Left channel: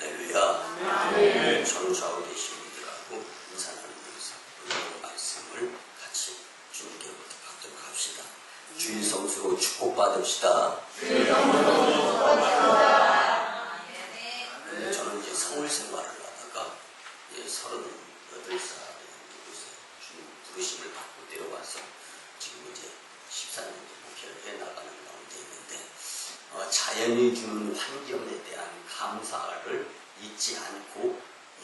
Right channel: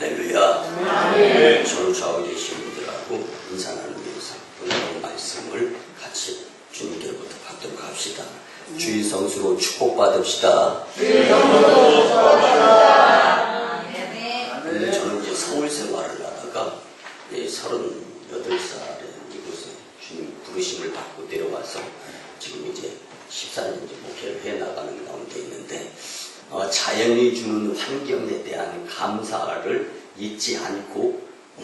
할렐루야. 네. 저는 좌우 계신 분들하고 인사 나누면서 오늘 말씀을 같이 주님께로부터 받도록 합시다. 주일 성수로 축복받읍시다. 근데 저는 이제 서울 생활을 하다가 38살에 이곳에 주님 부르심을 받고 내려와서 지금 이제 14년째 목회를 해나가는 가운데 있는데 자연이 주는 환경에 대한 감사를 잊지 않고 이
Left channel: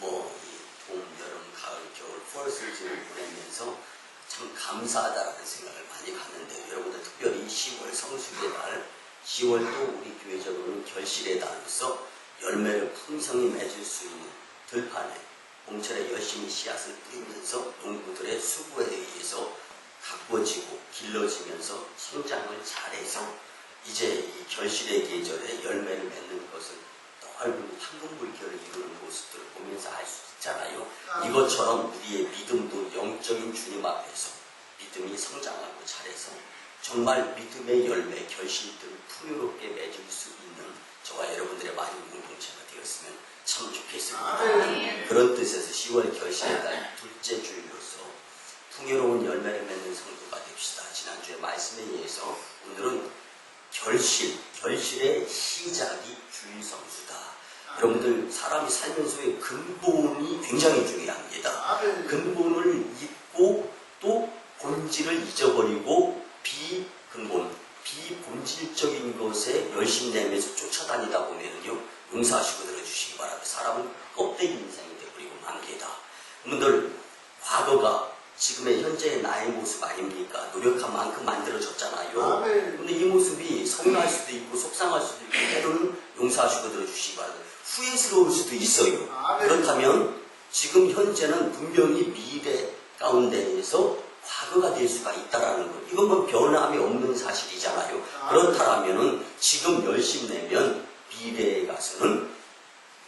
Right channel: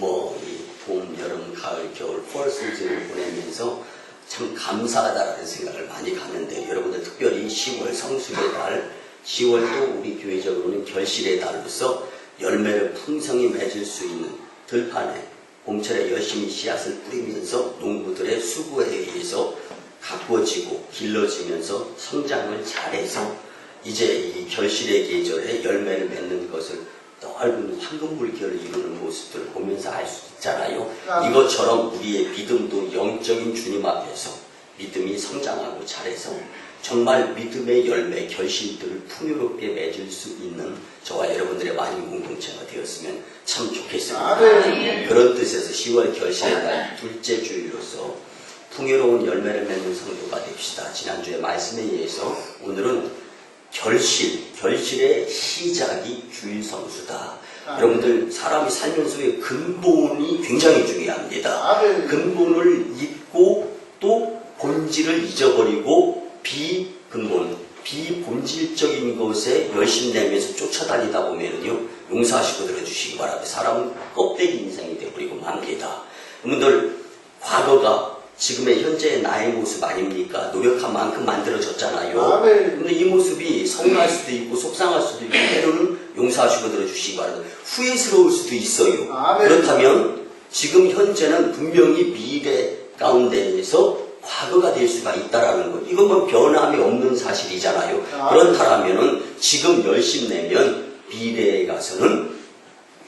봄, 여름, 가을, 겨울, 폴 시즌을 보내면서 참 감사하다라는 생각을 많이 갖는데 여러분들 특별히 10월 성수의 달, 10월도 우리 교회적으로는 결실의 달로서 열매를 풍성히 맺을 수 있는 들판에 봄철에 열심히 씨앗을 뿌리면서 농부들의 수고에 의해서 가꾸어지고 길러지면서 성장을 잘해서 이제 이 결실의 계절에 열매를 맺는 것을 넓은 황금 물결을 이루는 모습들을 보면서 알 수 있잖아요. 이것처럼 우리의 믿음도 영적인 주님 앞에서 믿음이 성장하고 잘해서 정말 믿음의 열매, 결실들을 풍요롭게 맺을 수 있는 저와 여러분들의 많은 공동체가 되었으면 참 좋겠습니다. 그런 뜻에서 10월 결실의 날 둘째 주일로서 풍요로운 열매를 맺는 성도가 됩시다. 지난주에 말씀에 의해서 오늘은 결실의 시작이 주일 성수다. 여러분들 사람이 살면서의 근본이 굉장히 중요합니다. 근본을 잊고 또 본질을 잊어버리고 비본질적인 것에 열심 내면서 쫓아다니다 보면요 용서하시고 들어주시기 바랍니다. 사람은 껍데기 인생이 되어버리고 맙니다. 여러분들 과거가 지금의 현재의 나의 모습 아닙니까? 노력한 만큼 만들어졌잖아요. 근데 이 모습이 서운할 수도 있고 속상할 수도 있고 때로는 용서하시고 들어주시기 바랍니다. 후회스러울 수도 있어요. 그렇다면 지금 현재는 분명히 미래 가운데에서 과거가 될 수가 있다라는 것. 이건 뭐 변함이 없는 사실이잖아요. 그렇다면 지금 열심 내면 미래에 가서는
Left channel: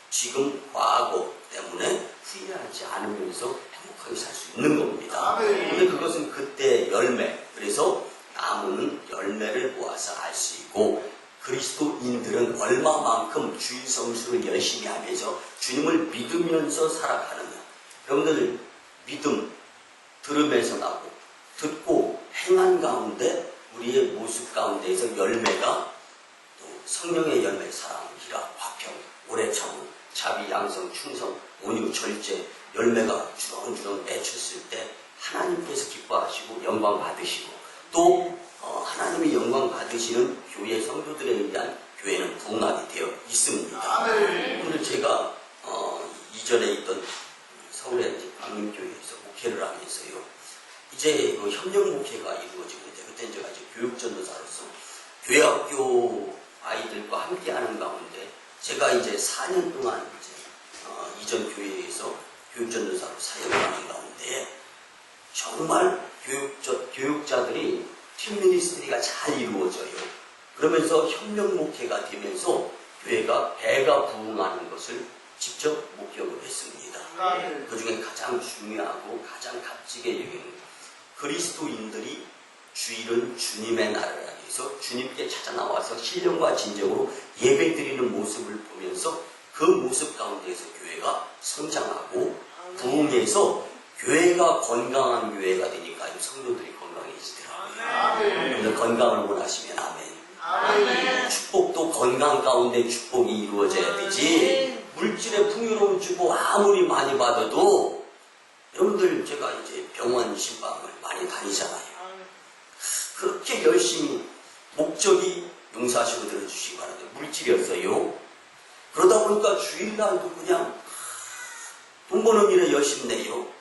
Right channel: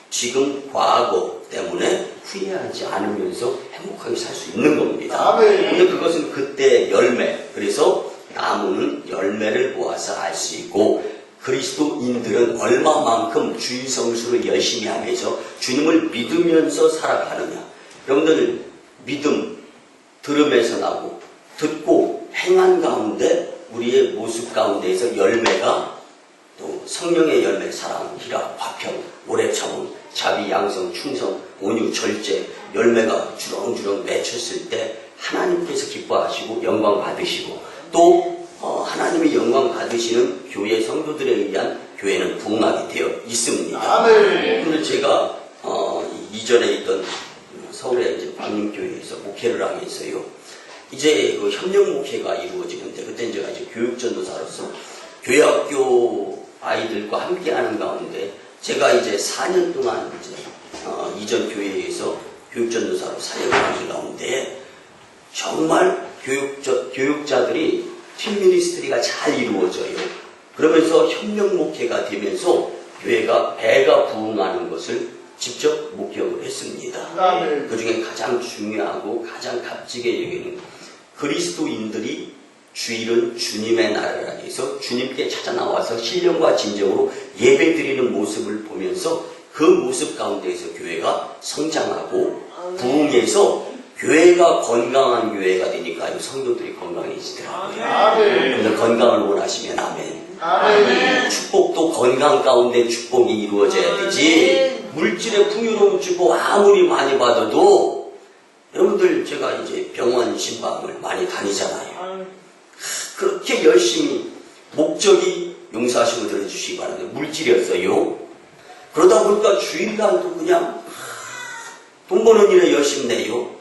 지금 과거 때문에 후회하지 않으면서 행복하게 살 수 있는 겁니다. 근데 그것은 그때 열매, 그래서 나무는 열매를 모아서 알 수 있고 그리스도인들은 얼마만큼 주일 성수를 열심히 하면서 주님을 믿으면서 살아가느냐. 여러분들 믿음 들음에서 나고 듣고 행한 가운데 우리의 모습 가운데에서 열매가 또 성령의 열매, 사랑, 희락, 화평, 오래 참음, 자비, 양성, 충성, 온유, 절제 열매가 주렁주렁 맺혔을 때 하나님께서 기뻐하시고 영광 받으시고 또 하나님이 영광 받으시는 교회 성도들에 의한 교회는 부흥하게 되어 있습니다. 오늘 제가 이전에 있던 서울의 이제 광림교회에서 목회를 하면서요. 이제 그 협력 목회가 이루어지는데 그때 제가 이제 교육전도사로서 교회학교 아이들과 함께하는 가운데 제가 이제 4년 동안 이제 이전 교회에서 교육전도사로 사역을 하는 가운데 정말 교육자들이 팀 미니스트리가 잘 이루어져요. 그러면서 협력 목회가 되면서 교회가 배가 부흥하는 것을 직접 목격을 했습니다. 그 중에 가장 중요하고 가장 값지게 여기는 그리스도인들이 주일은 주님의 나라라 해서 주님께 찾아 나와서 신령과 진정으로 예배드리는 모습을 보면서 그 모습 가운데에서 교회가 성장하고 부흥해서 교회가 건강한 교회가 되니까 성도들이 건강해지더라고요. 여러분들 건강을 원하시면 아멘. 축복도 건강 가운데 축복이 이루어져야 되지. 물질의 풍요로운 축복 아무리 많이 받아도 여러분들 제가 이제 병원 신방을 많이 다니잖아요. 그렇게 열심히 목적이 용서하시고 들어주시기 바랍니다. 물질이었어요. 그러다 보니까 주일날도 그냥 돈 버는 일에 열심히 내요.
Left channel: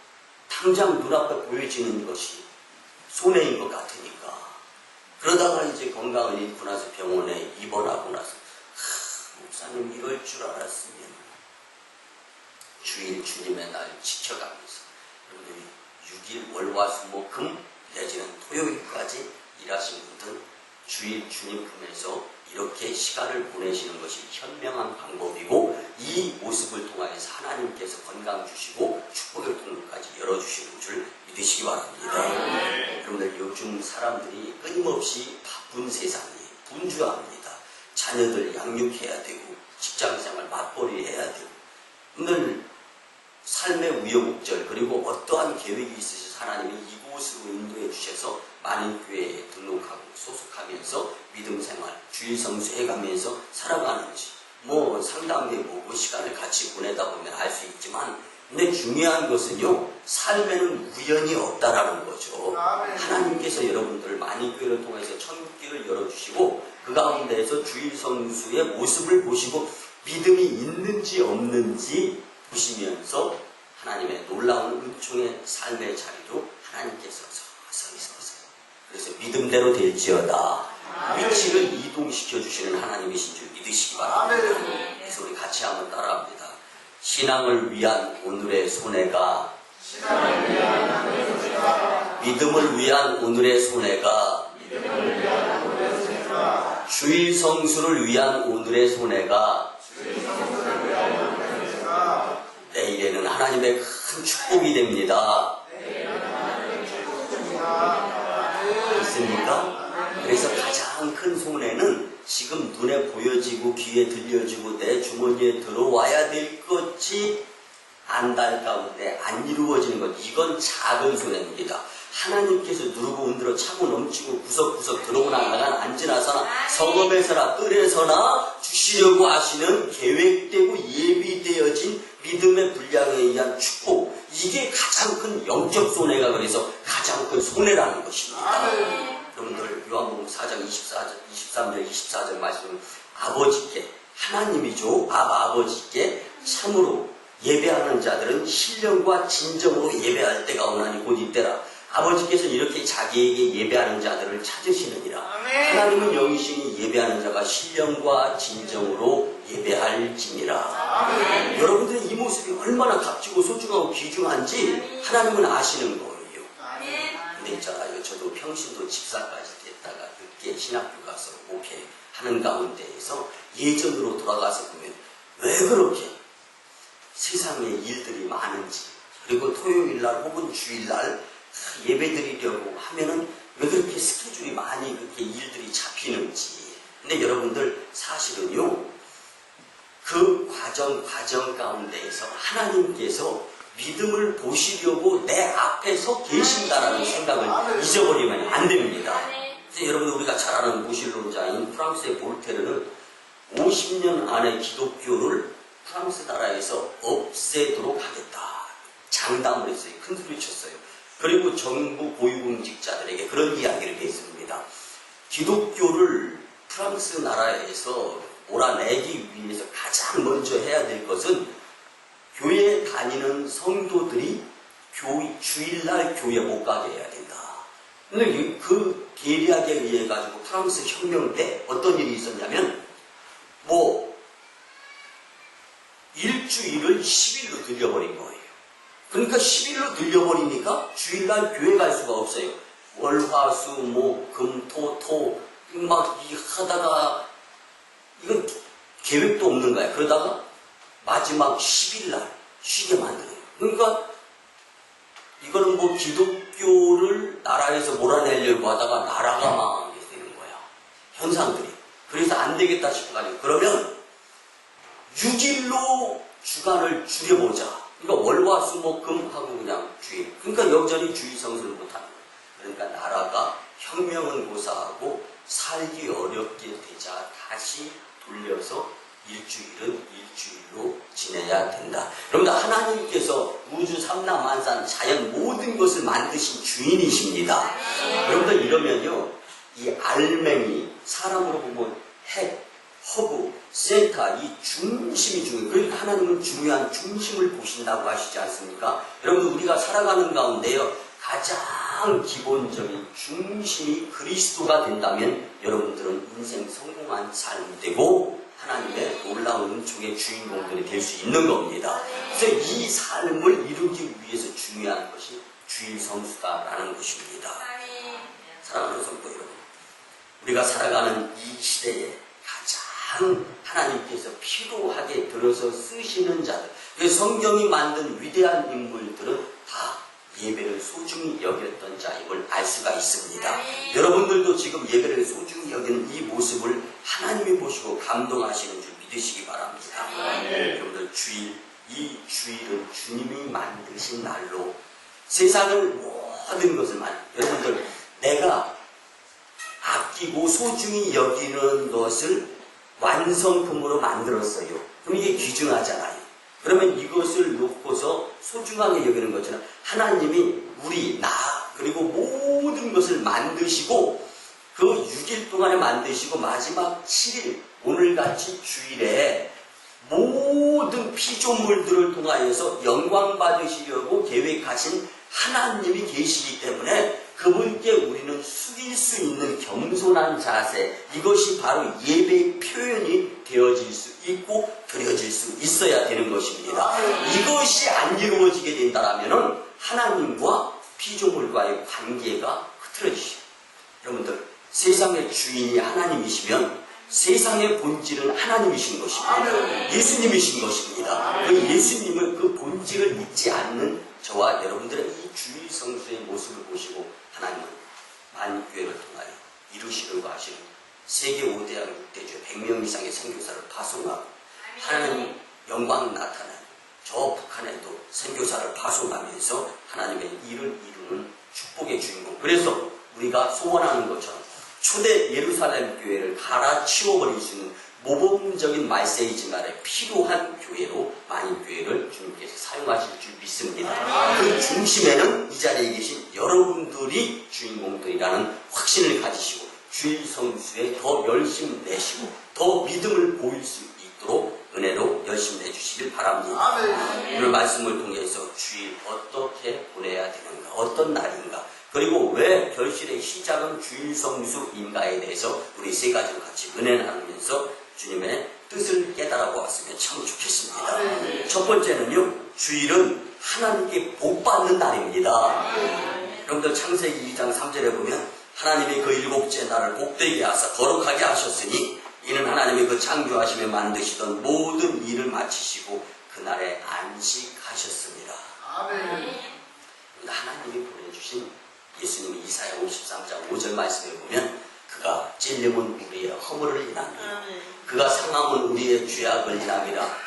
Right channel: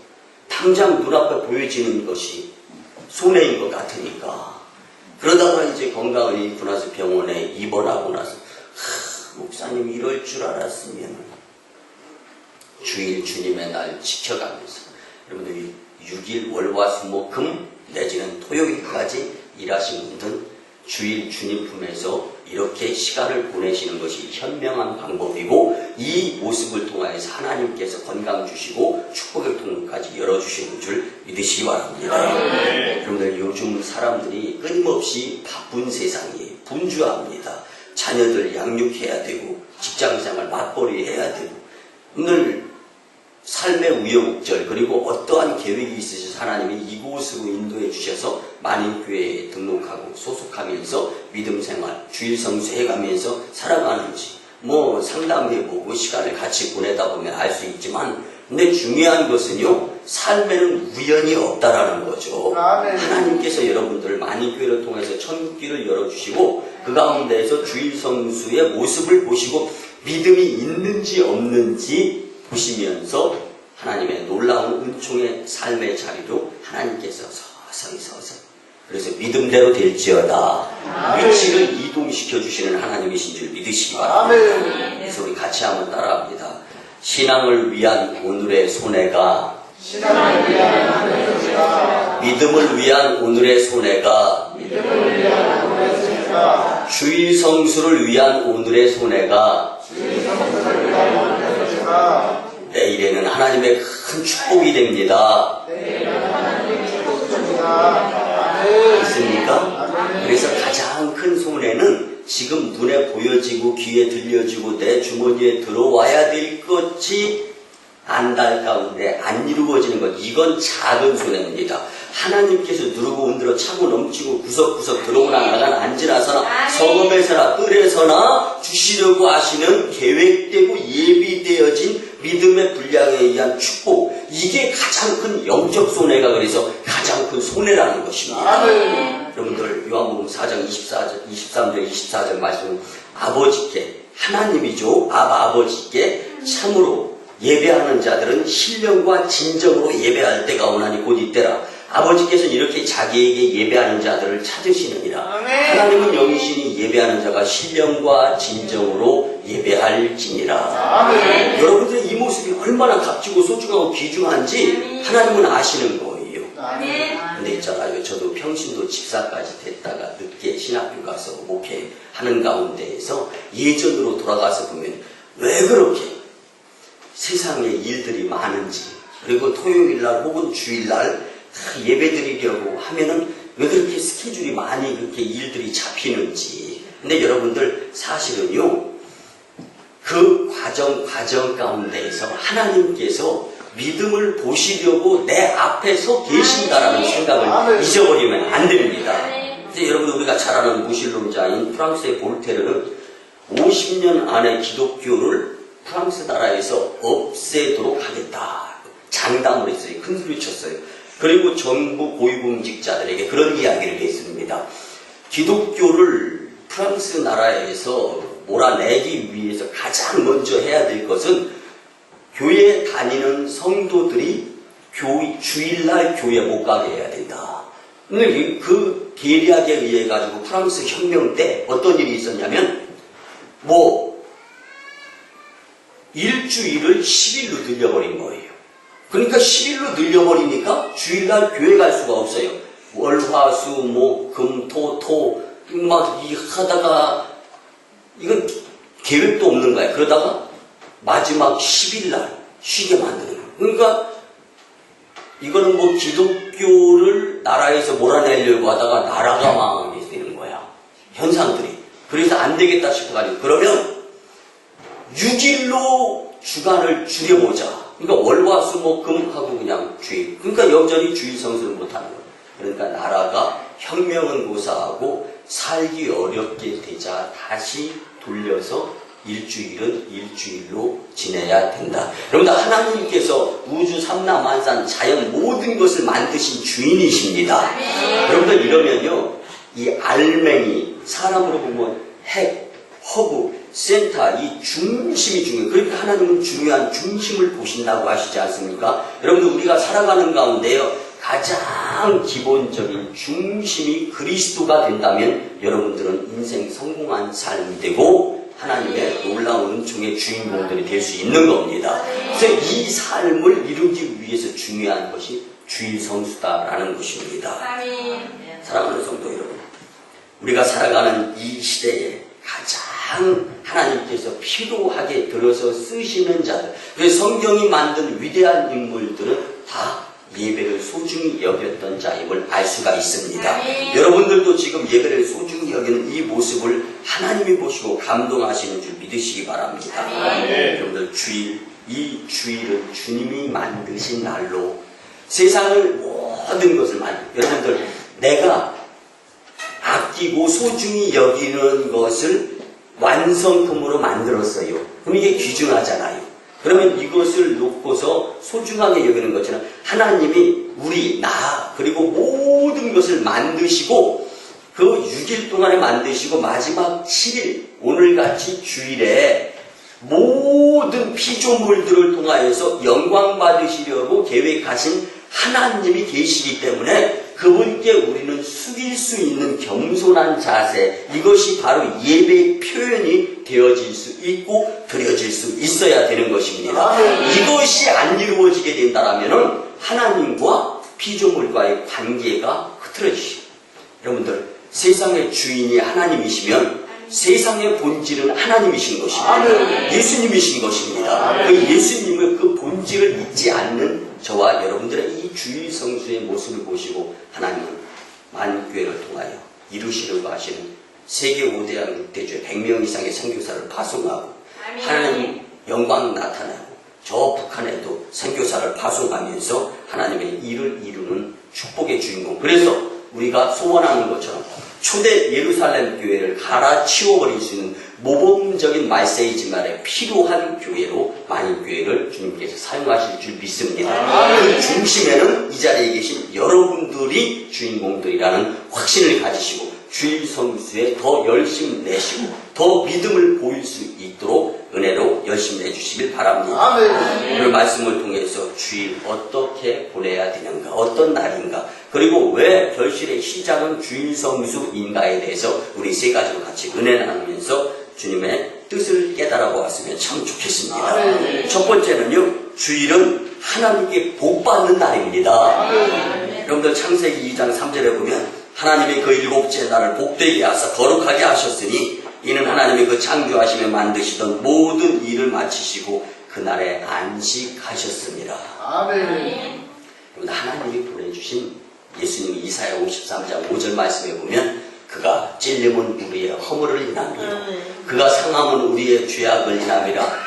당장 눈앞에 보여지는 것이 손해인 것 같으니까. 그러다가 이제 건강을 잃고 나서 병원에 입원하고 나서 목사님 이럴 줄 알았으면 주일 주님의 날 지켜가면서 여러분들이 6일 월화수목금 내지는 토요일까지 일하신 분들 주일 주님 품에서 이렇게 시간을 보내시는 것이 현명한 방법이고 이 모습을 통하여서 하나님께서 건강 주시고 축복의 통로까지 열어주시는 줄 믿으시기 바랍니다. 여러분들 요즘 사람들이 끊임없이 바쁜 세상에 분주합니다. 자녀들 양육해야 되고 직장생활 맞벌이 해야 되고 늘 삶의 우여곡절 그리고 어떠한 계획이 있으셔서 하나님이 이곳으로 인도해 주셔서 만인교회에 등록하고 소속하면서 믿음생활 주일성수 해가면서 살아가는지 뭐 상담해보고 시간을 같이 보내다 보면 알 수 있지만 근데 중요한 것은요 삶에는 우연이 없다라는 거죠. 하나님께서 여러분들을 만인교회를 통해서 천국길을 열어주시고 그 가운데에서 주일성수의 모습을 보시고 믿음이 있는지 없는지 보시면서 하나님의 놀라운 은총의 삶의 자리로 하나님께서 서서히 그래서 믿음대로 될지어다 위치를 이동시켜 주시는 하나님이신 줄 믿으시기 바랍니다. 그래서 우리 같이 한번 따라합니다. 신앙을 위한 오늘의 손해가 믿음을 위한 오늘의 손해가 주일 성수를 위한 오늘의 손해가 내일에는 하나님의 큰 축복이 됩니다. 있습니까? 그래서 가장 큰 손해는 지금 눈에 보여지고 귀에 들려지고 내 주머니에 들어와야 될 것이 안달 가운데 안 이루어지는 것, 이건 작은 손해입니다. 하나님께서 누르고 흔들어 차고 넘치고 구석구석 들어오나 나가나 앉으나서나 성읍에서나 뜰에서나 주시려고 하시는 계획되고 예비되어진 믿음의 분량에 의한 축복, 이게 가장 큰 영적 손해가 그래서 가장 큰 손해라는 것입니다. 여러분들 요한복음 4장 23절 24절 말씀은 아버지께, 하나님이죠, 아버지께 참으로 예배하는 자들은 신령과 진정으로 예배할 때가 오나니 곧 이때라. 아버지께서는 이렇게 자기에게 예배하는 자들을 찾으시느니라. 하나님은 영이시니 예배하는 자가 신령과 진정으로 예배할지니라. 여러분들의 이 모습이 얼마나 값지고 소중하고 귀중한지 하나님은 아시는 거예요. 근데 있잖아요, 저도 평신도 집사까지 됐다가 늦게 신학교 가서 목회하는 가운데에서 예전으로 돌아가서 보면 왜 그렇게 세상에 일들이 많은지, 그리고 토요일날 혹은 주일날 예배드리려고 하면은 왜 그렇게 스케줄이 많이 그렇게 일들이 잡히는지. 근데 여러분들 사실은요, 그 과정 가운데에서 하나님께서 믿음을 보시려고 내 앞에 서 계신다라는 생각을 잊어버리면 안 됩니다. 그래서 여러분, 우리가 잘 아는 무신론자인 프랑스의 볼테르는 50년 안에 기독교를 프랑스 나라에서 없애도록 하겠다 장담을 했어요. 큰 소리 쳤어요. 그리고 정부 고위공직자들에게 그런 이야기를 했습니다. 기독교를 프랑스 나라에서 몰아내기 위해서 가장 먼저 해야 될 것은 교회 다니는 성도들이 주일날 교회 못 가게 해야 된다. 근데 그 계략에 의해 가지고 프랑스 혁명 때 어떤 일이 있었냐면 일주일을 10일로 늘려버린 거예요. 그러니까 10일로 늘려버리니까 주일날 교회 갈 수가 없어요. 월, 화, 수, 목, 금, 토 막 하다가 이건 계획도 없는 거야. 그러다가 마지막 10일날 쉬게 만드는 거예요. 그러니까 이거는 기독교를 나라에서 몰아내려고 하다가 나라가 망하게 되는 거야. 현상들이. 그래서 안 되겠다 싶어가지고 그러면 6일로 주간을 줄여보자. 그러니까 월화수목금 하고 그냥 주일. 그러니까 여전히 주일 성수를 못하는 거예요. 그러니까 나라가 혁명은 고사하고 살기 어렵게 되자 다시 돌려서 일주일은 일주일로 지내야 된다. 여러분들, 하나님께서 우주 삼라만상 자연 모든 것을 만드신 주인이십니다. 여러분들, 이러면요, 이 알맹이, 사람으로 보면 핵, 허브, 센터, 이 중심이 중요해요. 그러니까 하나님은 중요한 중심을 보신다고 하시지 않습니까? 여러분들, 우리가 살아가는 가운데요, 가장 기본적인 중심이 그리스도가 된다면 여러분들은 인생 성공한 삶이 되고 하나님의 놀라운 은총의 주인공들이 될 수 있는 겁니다. 그래서 이 삶을 이루기 위해서 중요한 것이 주일 성수다라는 것입니다. 사랑하는 성도 여러분, 우리가 살아가는 이 시대에 가장 하나님께서 필요하게 들어서 쓰시는 자들, 그래서 성경이 만든 위대한 인물들은 다 예배를 소중히 여겼던 자임을 알 수가 있습니다. 여러분들도 지금 예배를 소중히 여기는 이 모습을 하나님이 보시고 감동하시는 줄 믿으시기 바랍니다. 여러분들 이 주일은 주님이 만드신 날로 세상을 모든 것을 여러분들 내가 아끼고 소중히 여기는 것을 완성품으로 만들었어요. 그럼 이게 귀중하잖아요. 그러면 이것을 놓고서 소중하게 여기는 것처럼 하나님이 그리고 모든 것을 만드시고 그 6일 동안에 만드시고 마지막 7일 오늘같이 주일에 모든 피조물들을 통하여서 영광 받으시려고 계획하신 하나님이 계시기 때문에 그분께 우리는 숙일 수 있는 겸손한 자세, 이것이 바로 예배의 표현이 되어질 수 있고 드려질 수 있어야 되는 것입니다. 이것이 안 이루어지게 된다면 하나님과 피조물과의 관계가 흐트러지죠. 여러분들, 세상의 주인이 하나님이시면 세상의 본질은 하나님이신 것입니다. 예수님이신 것입니다. 그 예수님의 그 본질을 잊지 않는 저와 여러분들의 이 주일 성수의 모습을 보시고 하나님은 만교회를 통하여 이루시려고 하시는 세계 5대양 6대주의 100명 이상의 선교사를 파송하고 하나님 영광 나타나고 저 북한에도 선교사를 파송하면서 하나님의 일을 이루는 축복의 주인공. 그래서 우리가 소원하는 것처럼 초대 예루살렘 교회를 갈아치워버릴 수 있는 모범적인 메시지만에 필요한 교회로 만인교회를 주님께서 사용하실 줄 믿습니다. 그 중심에는 이 자리에 계신 여러분들이 주인공들이라는 확신을 가지시고 주일 성수에 더 열심 내시고 더 믿음을 보일 수 있도록 은혜로 열심히 내주시길 바랍니다. 오늘 말씀을 통해서 주일 어떻게 보내야 되는가, 어떤 날인가, 그리고 왜 결실의 시작은 주일 성수인가에 대해서 우리 세 가지로 같이 은혜 나누면서 주님의 뜻을 깨달아 보았으면 참 좋겠습니다. 첫 번째는요, 주일은 하나님께 복 받는 날입니다. 여러분들 창세기 2장 3절에 보면 하나님이 그 일곱째 날을 복되게 하사 거룩하게 하셨으니 이는 하나님이 그 창조하시며 만드시던 모든 일을 마치시고 그날에 안식하셨습니다. 여러분, 하나님이 보내주신 예수님이 이사야 53장 5절 말씀에 보면 그가 찔림은 우리의 허물을 인함이요 그가 상함은 우리의 죄악을 인함이라.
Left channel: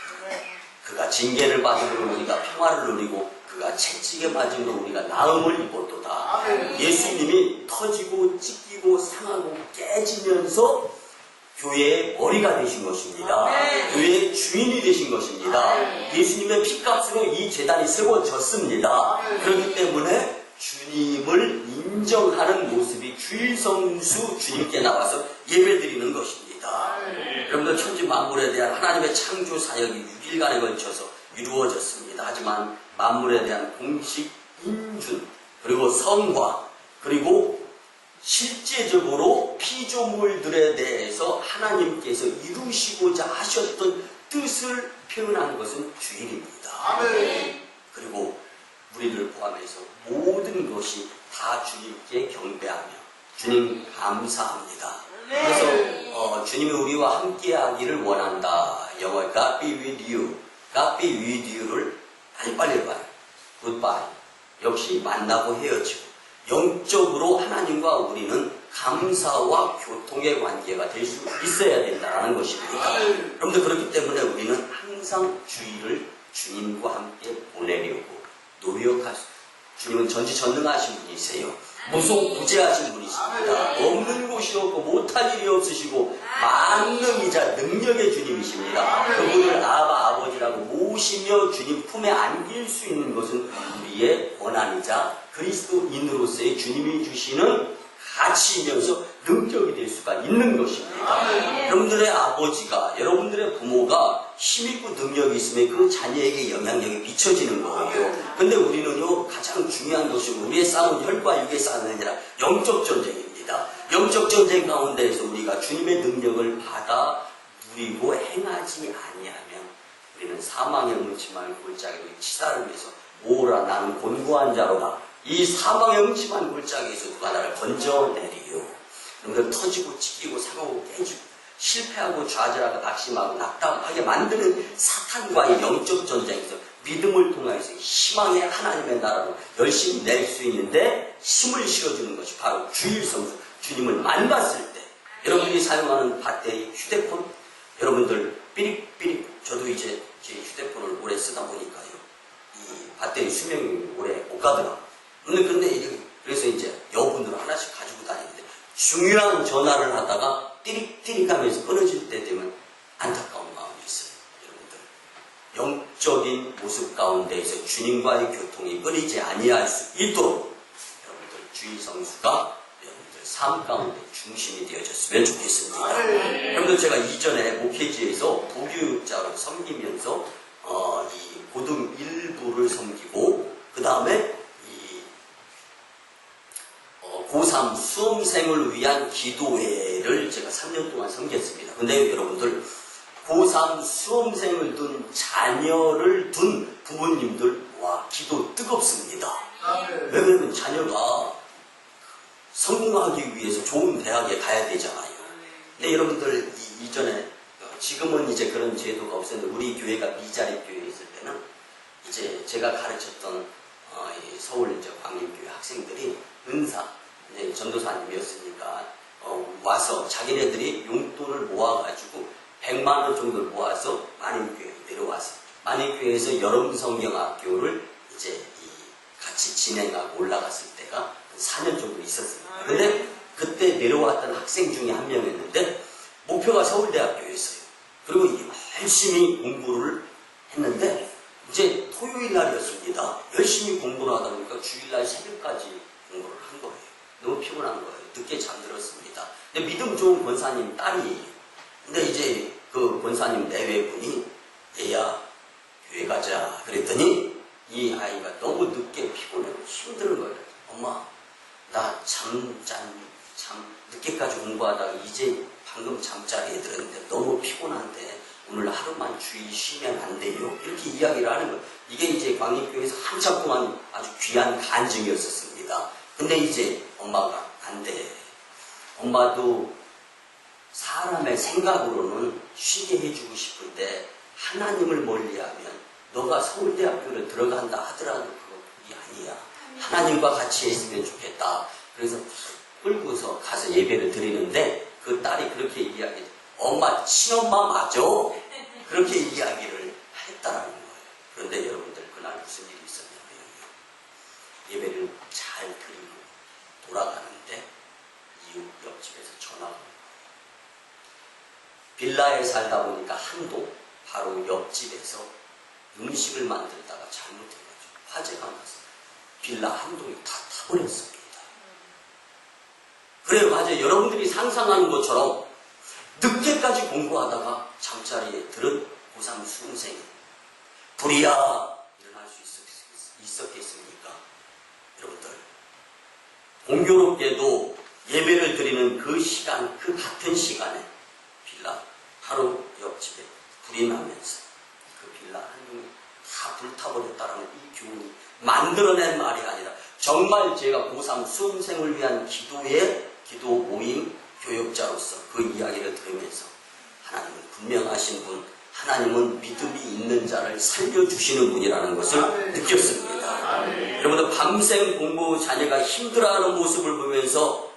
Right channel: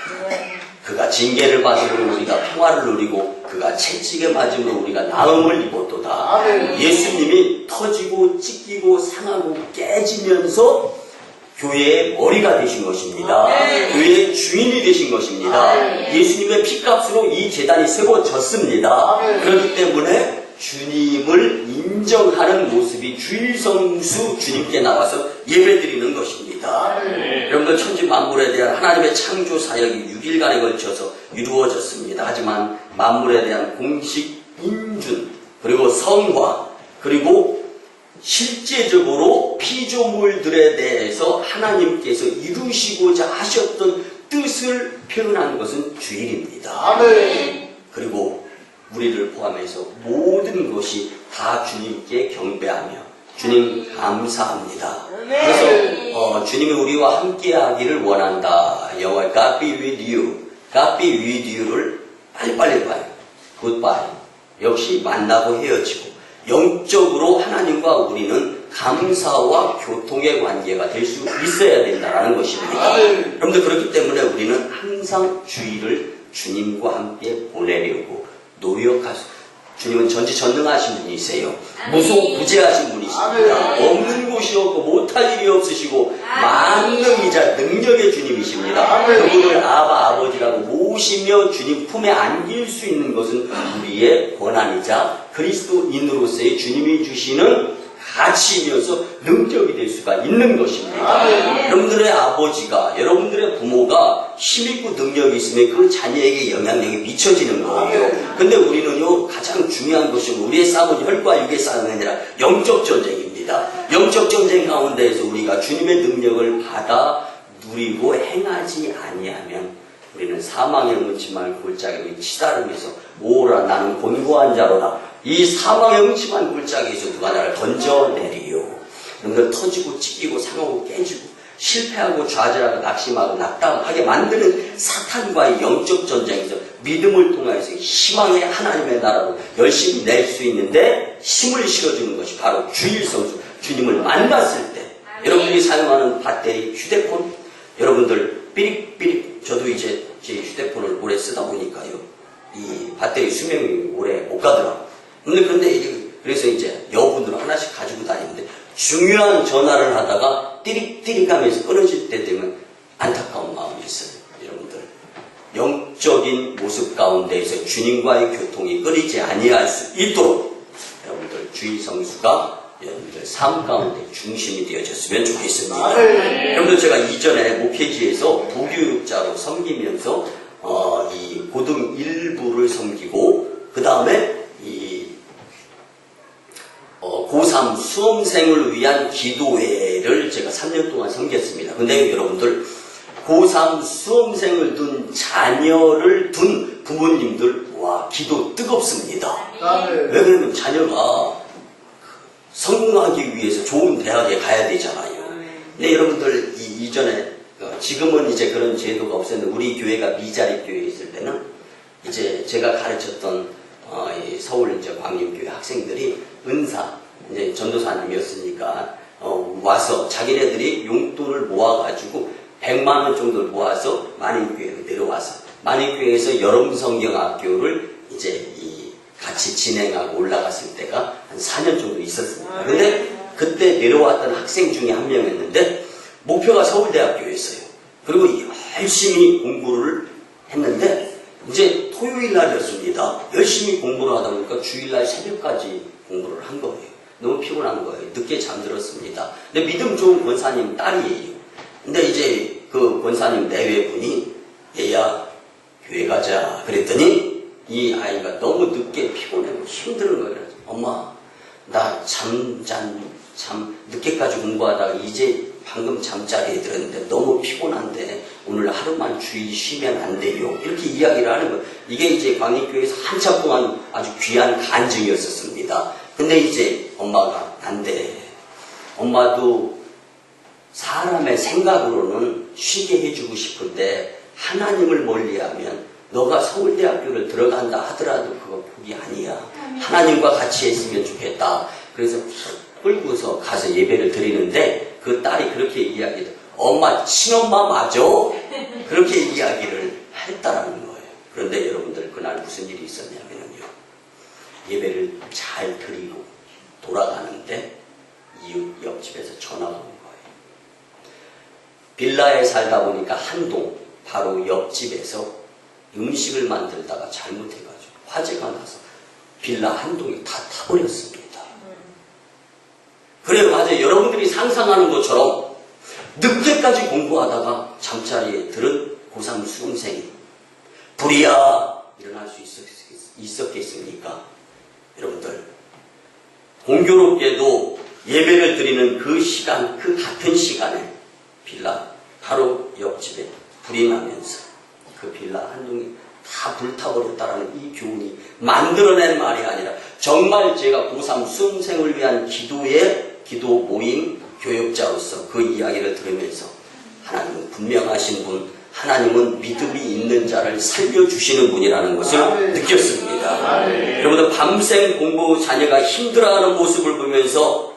그가 징계를 받으므로 우리가 평화를 누리고 그가 채찍에 맞으므로 우리가 나음을 입었도다. 예수님이 터지고 찢기고 상하고 깨지면서 교회의 머리가 되신 것입니다. 교회의 주인이 되신 것입니다. 예수님의 피값으로 이 제단이 세워졌습니다. 그렇기 때문에 주님을 인정하는 모습이 주일성수 주님께 나와서 예배드리는 것입니다. 여러분들, 천지 만물에 대한 하나님의 창조 사역이 6일간에 걸쳐서 이루어졌습니다. 하지만 만물에 대한 공식 인준, 그리고 성화, 그리고 실제적으로 피조물들에 대해서 하나님께서 이루시고자 하셨던 뜻을 표현한 것은 주일입니다. 그리고 우리를 포함해서 모든 것이 다 주님께 경배하며 주님 감사합니다. 그래서 주님이 우리와 함께 하기를 원한다. 영어에 God be with you, God be with you를 빨리빨리 봐요. Goodbye. 역시 만나고 헤어지고 영적으로 하나님과 우리는 감사와 교통의 관계가 될 수 있어야 된다는 것입니다. 여러분들, 그렇기 때문에 우리는 항상 주일을 주님과 함께 보내려고 노력할 수. 주님은 전지전능하신 분이세요. 무소부재하신 분이십니다. 없는 곳이 없고 못할 일이 없으시고 만능이자 능력의 주님이십니다. 그분을 아버지라고 모시며 주님 품에 안길 수 있는 것은 우리의 권한이자 그리스도인으로서의 주님이 주시는 가치이면서 능력이 될 수가 있는 것입니다. 여러분들의 아버지가, 여러분들의 부모가 힘있고 능력이 있으면 그 자녀에게 영향력이 미쳐지는 거예요. 근데 우리는요, 가장 중요한 것이 우리의 싸움은 혈과 육의 싸움이 아니라 영적 전쟁입니다. 영적 전쟁 가운데에서 우리가 주님의 능력을 받아 누리고 행하지 아니하면 우리는 사망의 음침한 골짜기로 치달으면서 오라 나는 곤고한 자로다. 이 사망의 음침한 골짜기에서 누가 나를 건져내리요. 여러분들, 터지고 찢기고 상하고 깨지고 실패하고 좌절하고 낙심하고 낙담하게 만드는 사탄과의 영적 전쟁에서 믿음을 통해서 희망의 하나님의 나라로 열심히 낼 수 있는데 힘을 실어주는 것이 바로 주일 성수, 주님을 만났을 때 여러분들이 사용하는 배터리, 휴대폰, 여러분들 삐릭삐릭, 저도 이제 제 휴대폰을 오래 쓰다 보니까요, 이 배터리 수명이 오래 못 가더라고요. 그런데 그래서 이제 여분으로 하나씩 가지고 다니는데 중요한 전화를 하다가 띠릭띠릭 하면서 끊어질 때 되면 안타까운 마음이 있어요. 여러분들 영적인 모습 가운데에서 주님과의 교통이 끊이지 아니할 수 있도록 여러분들 주일 성수가 여러분들 삶 가운데 중심이 되어졌으면 좋겠습니다. 여러분들 제가 이전에 목회지에서 부교육자로 섬기면서 이 고등 1부를 섬기고 그 다음에 이 고3 수험생을 위한 기도회를 제가 3년 동안 섬겼습니다. 근데 여러분들 고3 수험생을 둔 자녀를 둔 부모님들 와 기도 뜨겁습니다. 왜 그러면 자녀가 성공하기 위해서 좋은 대학에 가야 되잖아요. 근데 여러분들 이전에 지금은 이제 그런 제도가 없었는데 우리 교회가 미자립 교회에 있을 때는 이제 제가 가르쳤던 서울 이제 광림교회 학생들이 은사 이제 전도사님이었으니까 와서 자기네들이 용돈을 모아가지고 100만 원 정도를 모아서 만인교회로 내려와서 만인교회에서 여름성경학교를 이제 같이 진행하고 올라갔을 때가 한 4년 정도 있었습니다. 근데 그때 내려왔던 학생 중에 한 명이었는데 목표가 서울대학교였어요. 그리고 열심히 공부를 했는데 이제 토요일 날이었습니다. 열심히 공부를 하다 보니까 주일날 새벽까지 공부를 한 거예요. 너무 피곤한 거예요. 늦게 잠들었습니다. 근데 믿음 좋은 권사님 딸이에요. 근데 이제 그 권사님 내외분이 얘야 교회 가자 그랬더니 이 아이가 너무 늦게 피곤하고 힘든 거예요. 엄마 나 참 늦게까지 공부하다가 이제 방금 잠자리에 들었는데 너무 피곤한데 오늘 하루만 주일 쉬면 안 돼요? 이렇게 이야기를 하는 거예요. 이게 이제 광림교회에서 한참 동안 아주 귀한 간증이었었습니다. 근데 이제 엄마가 안 돼. 엄마도 사람의 생각으로는 쉬게 해주고 싶은데 하나님을 멀리하면 너가 서울대학교를 들어간다 하더라도 그거 복이 아니야. 하나님과 같이 했으면 좋겠다. 그래서 끌고서 가서 예배를 드리는데 그 딸이 그렇게 이야기해요. 엄마 친엄마 맞아? 그렇게 이야기를 했다라는 거예요. 그런데 여러분들 그날 무슨 일이 있었냐면요. 예배를 잘 드리고 돌아가는데 이웃 옆집에서 전화가 온 거예요. 빌라에 살다 보니까 한동 바로 옆집에서 음식을 만들다가 잘못해가지고 화재가 나서 빌라 한 동이 다 타버렸습니다. 그래요, 맞아요. 여러분들이 상상하는 것처럼 늦게까지 공부하다가 잠자리에 들은 고3 수험생이 불이야 일어날 수 있었겠습니까? 여러분들 공교롭게도 예배를 드리는 그 시간, 그 같은 시간에 빌라 바로 옆집에 불이 나면서 그 빌라 한 동이 다 불타버렸다라는 이 교훈이 만들어낸 말이 아니라 정말 제가 고3 수험생을 위한 기도 모임 교육자로서 그 이야기를 들으면서 하나님은 분명하신 분, 하나님은 믿음이 있는 자를 살려주시는 분이라는 것을 느꼈습니다. 여러분들 밤샘 공부 자녀가 힘들어하는 모습을 보면서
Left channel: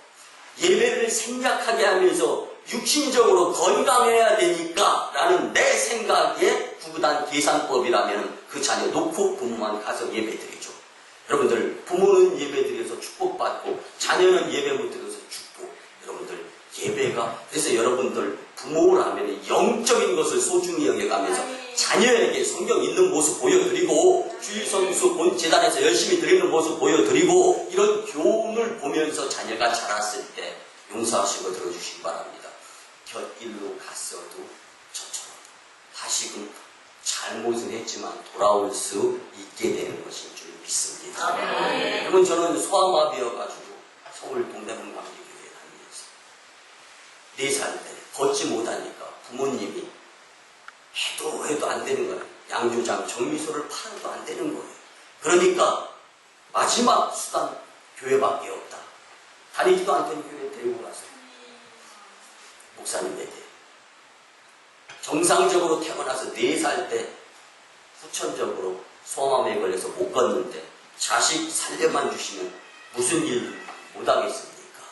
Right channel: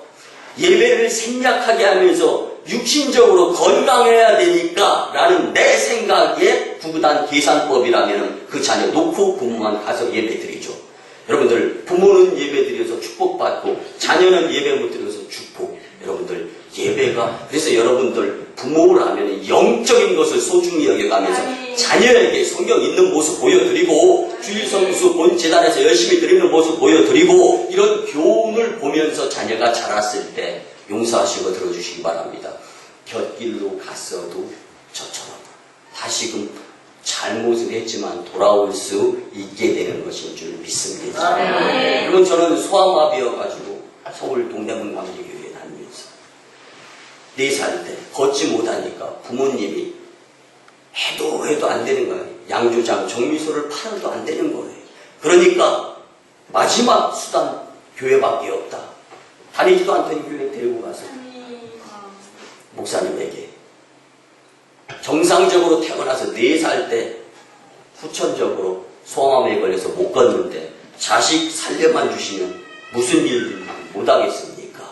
예배를 생략하게 하면서 육신적으로 건강해야 되니까 라는 내 생각에 구구단 계산법이라면 그 자녀 놓고 부모만 가서 예배 드리죠. 여러분들 부모는 예배 드려서 축복받고 자녀는 예배 못 드려서 축복. 여러분들 예배가 그래서 여러분들 부모라면 영적인 것을 소중히 여겨가면서 자녀에게 성경 있는 모습 보여드리고 주일 성수 본 재단에서 열심히 드리는 모습 보여드리고 이런 교훈을 보면서 자녀가 자랐을 때 용서하시고 들어주시기 바랍니다. 곁길로 갔어도 저처럼 다시금 잘못을 했지만 돌아올 수 있게 되는 것인 줄 믿습니다. 여러분 저는 소아마비여가지고 서울 동대문 감리교회에 다니면서 4살 때 걷지 못하니까 부모님이 해도 안 되는 거예요. 양조장 정미소를 팔아도 안 되는 거예요. 그러니까 마지막 수단 교회밖에 없다. 다니지도 않던 교회 데리고 가서 목사님에게 정상적으로 태어나서 4살 때 후천적으로 소아암에 걸려서 못 걷는데 자식 살려만 주시면 무슨 일을 못 하겠습니까?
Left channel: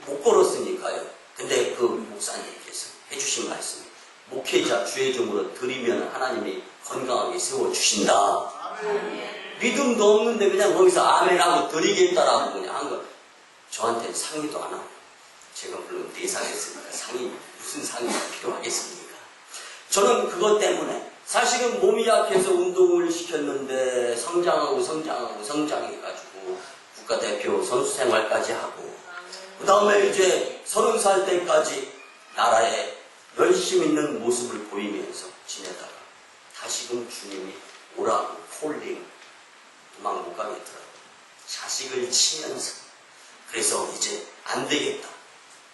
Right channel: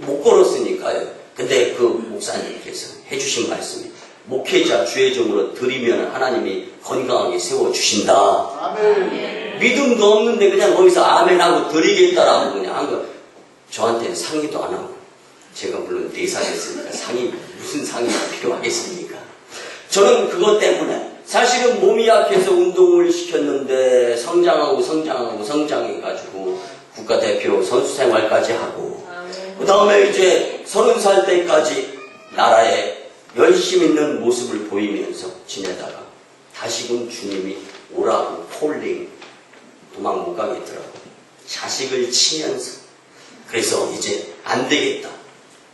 못 걸었으니까요. 근데 그 목사님께서 해주신 말씀이 목회자 주의 종으로 드리면 하나님이 건강하게 세워주신다. 믿음도 없는데 그냥 거기서 아멘하고 드리겠다라고 그냥 한 거. 저한테는 상의도 안 하고, 제가 물론 4살 했으니까 무슨 상의가 필요하겠습니까? 저는 그것 때문에 사실은 몸이 약해서 운동을 시켰는데 성장해가지고 국가대표 선수 생활까지 하고, 그 다음에 이제 30살 때까지 나라에 열심 있는 모습을 보이면서 지내다가 다시금 주님이 오라고 콜링, 도망 못 가겠더라고. 자식을 치면서. 그래서 이제 안 되겠다.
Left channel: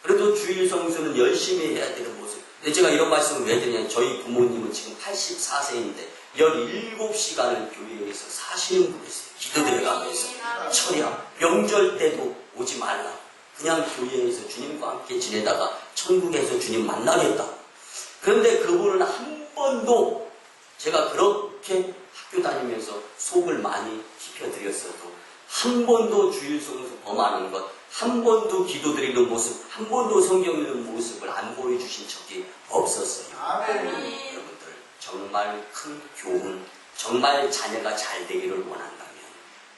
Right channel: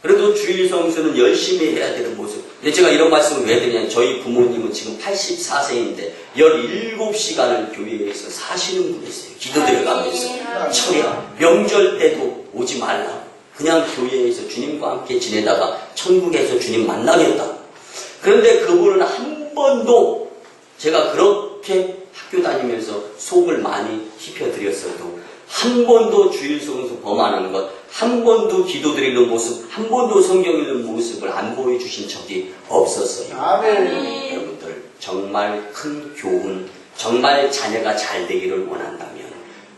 그래도 주일 성수는 열심히 해야 되는 모습. 근데 제가 이런 말씀을 왜 드리냐면 저희 부모님은 지금 84세인데 17시간을 교회에서 사시는 분이세요. 기도드려가면서. 철야, 명절 때도 오지 말라고. 그냥 교회에서 주님과 함께 지내다가 천국에서 주님 만나겠다. 그런데 그분은 한 번도 제가 그렇게 학교 다니면서 속을 많이 힙혀드렸어도 한 번도 주일 성수 범하는 것, 한 번도 기도드리는 모습, 한 번도 성경 읽는 모습을 안 보여주신 적이 없었어요. 여러분들 정말 큰 교훈, 정말 자녀가 잘 되기를 원한다면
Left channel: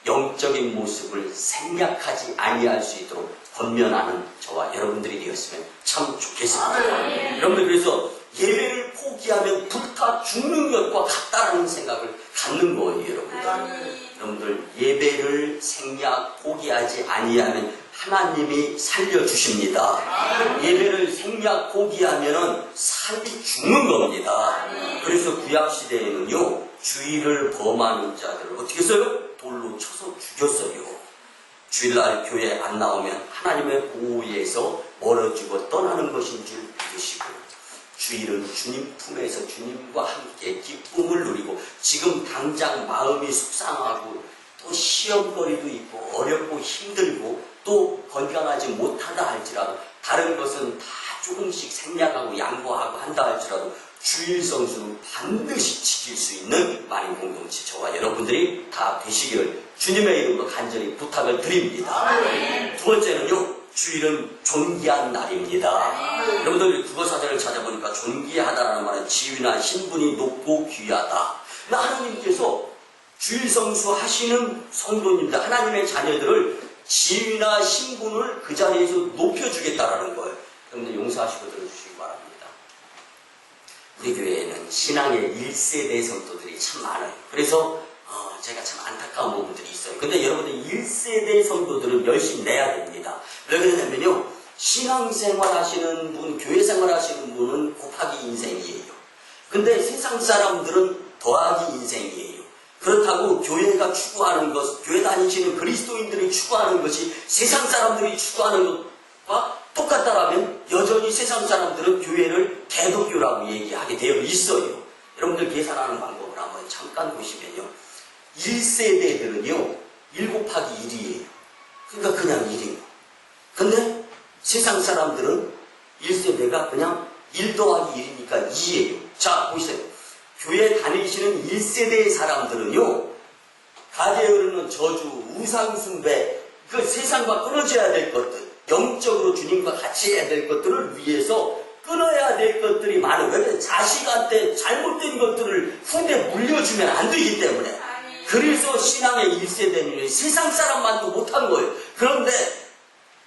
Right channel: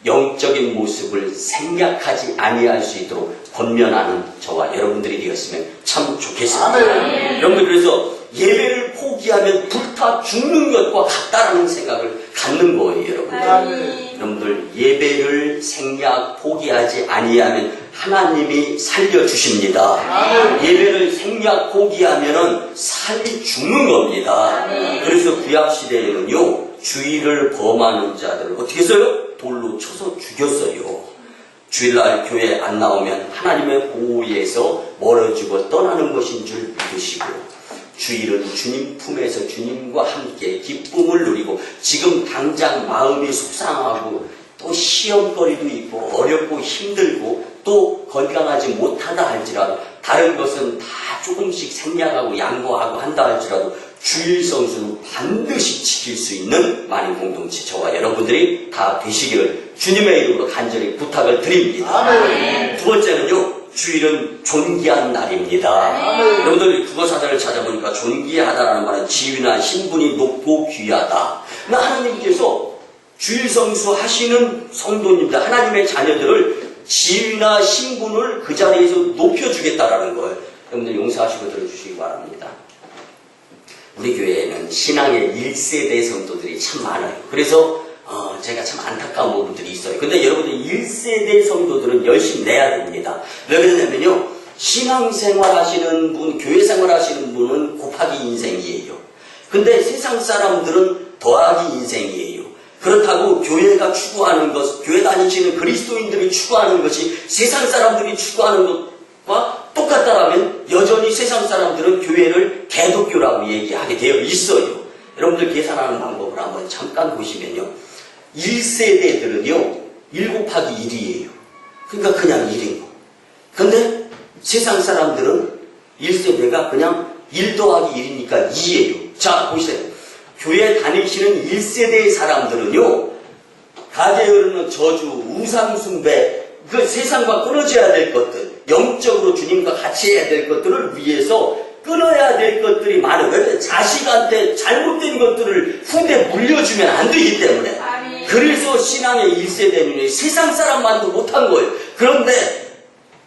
영적인 모습을 생략하지 아니할 수 있도록 권면하는 저와 여러분들이 되었으면 참 좋겠습니다. 여러분들 그래서 예배를 포기하면 불타 죽는 것과 같다라는 생각을 갖는 거예요, 여러분들. 여러분들 예배를 생략 포기하지 아니하면 하나님이 살려주십니다. 예배를 생략 포기하면은 삶이 죽는 겁니다. 그래서 구약시대에는요 주일을 범하는 자들을 어떻게 했어요? 돌로 쳐서 죽였어요. 주일날 교회 안 나오면 하나님의 보호에서 멀어지고 떠나는 것인 줄 믿으시고, 주일은 주님 품에서 주님과 함께 기쁨을 누리고, 지금 당장 마음이 속상하고 또 시험거리도 있고 어렵고 힘들고 또 건강하지 못하다 할지라도, 다른 것은 다 조금씩 생략하고 양보하고 한다 할지라도 주일 성수는 반드시 지킬 수 있는 만인 공동체 저와 여러분들이 다 되시기를 주님의 이름으로 간절히 부탁을 드립니다. 두 번째는요, 주일은 존귀한 날입니다. 여러분들 국어사전을 찾아보니까 존귀하다라는 말은 지위나 신분이 높고 귀하다. 하나님께서 주일 성수 하시는 성도님들, 하나님의 자녀들을 지위나 신분을 그 자리에서 높여주겠다라는 거예요. 여러분들 용서하시고 들어주시기 바랍니다. 우리 교회에는 신앙의 1세대 성도들이 참 많아요. 그래서 제가 참 안타까운 부분들이 있어요. 근데 여러분들 1세대 성도들은 열심히 내야 됩니다. 왜 그러냐면요, 신앙생활 하시는 분, 교회생활 하시는 분은 곱하기 인생이에요. 근데 세상 사람들은 더하기 인생이에요. 그렇다고 교회가 추구하는 것, 교회 다니시는 그리스도인들이 추구하는 것이 세상 사람들이 추구하는 것과 똑같다라면 여전히 세상 사람들은 교회를 개독교라고 얘기하게 되어 있어요. 여러분들 계산하는 방법을 한번 잠깐 보시면요, 1세대들은요 1 곱하기 1이에요. 그러니까 그냥 1인 거. 근데 세상 사람들은 1세대가 그냥 1 더하기 1이니까 2예요. 자 보세요. 교회 다니시는 1세대의 사람들은요, 가게에 흐르는 저주, 우상숭배, 그 세상과 끊어져야 될 것들, 영적으로 주님과 같이 해야 될 것들을 위해서 끊어야 될 것들이 많아요. 왜? 자식한테 잘못된 것들을 후대 물려주면 안 되기 때문에. 그래서 신앙의 1세대는 세상 사람만도 못한 거예요. 그런데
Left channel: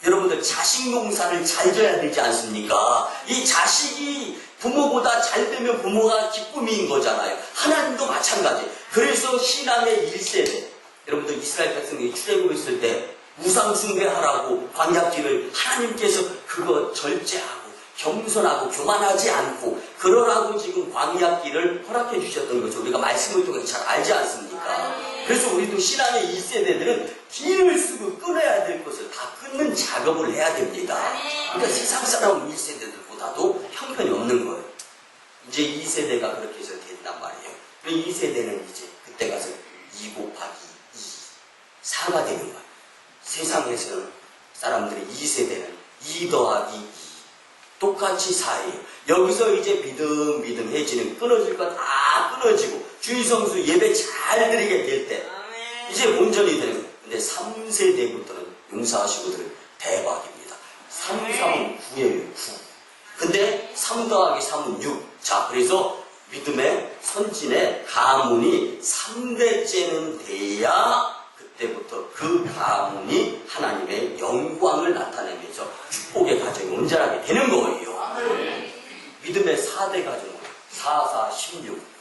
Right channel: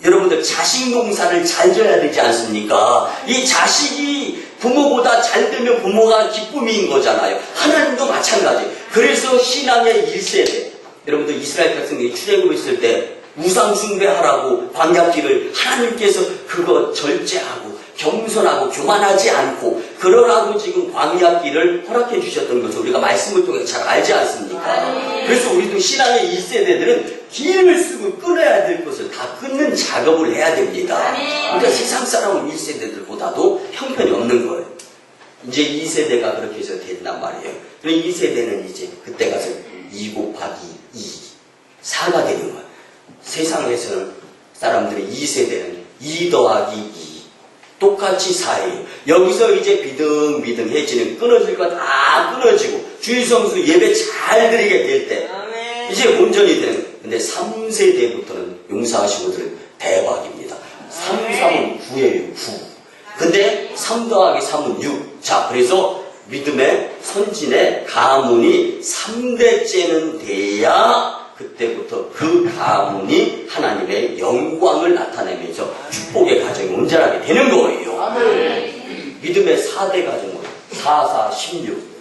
여러분들 자식 농사를 잘 져야 되지 않습니까? 이 자식이 부모보다 잘 되면 부모가 기쁨인 거잖아요. 하나님도 마찬가지. 그래서 신앙의 1세대, 여러분들 이스라엘 백성들이 출애굽 있을 때 우상 숭배하라고 광야길을 하나님께서 그거 절제하고 겸손하고 교만하지 않고 그러라고 지금 광야길을 허락해 주셨던 것을 우리가 말씀을 통해 잘 알지 않습니까? 그래서 우리도 신앙의 1세대들은 길을 쓰고 끊어야 될 것을 다 끊는 작업을 해야 됩니다. 그러니까 세상 사람 1세대들보다도 형편이 없는 거예요. 이제 2세대가 그렇게 해서 된단 말이에요. 그럼 2세대는 이제 그때 가서 2 곱하기 2, 4가 되는 거예요. 세상에서는 사람들의 2세대는 2 더하기 2. 똑같이 사해요. 여기서 이제 비등비등해지는 끊어질 거 다 끊어지고 주일 성수 예배 잘 드리게 될 때 이제 온전히 되는 거예요. 근데 3세대부터는 용서하시고들 대박입니다. 3, 3은 9예요. 9. 근데 3 더하기 3은 6. 자, 그래서 믿음의 선진의 가문이 3대째는 돼야 그때부터 그 가문이 하나님의 영광을 나타내면서 축복의 가정이 온전하게 되는 거예요. 믿음의 4대 가정은 4, 4, 16.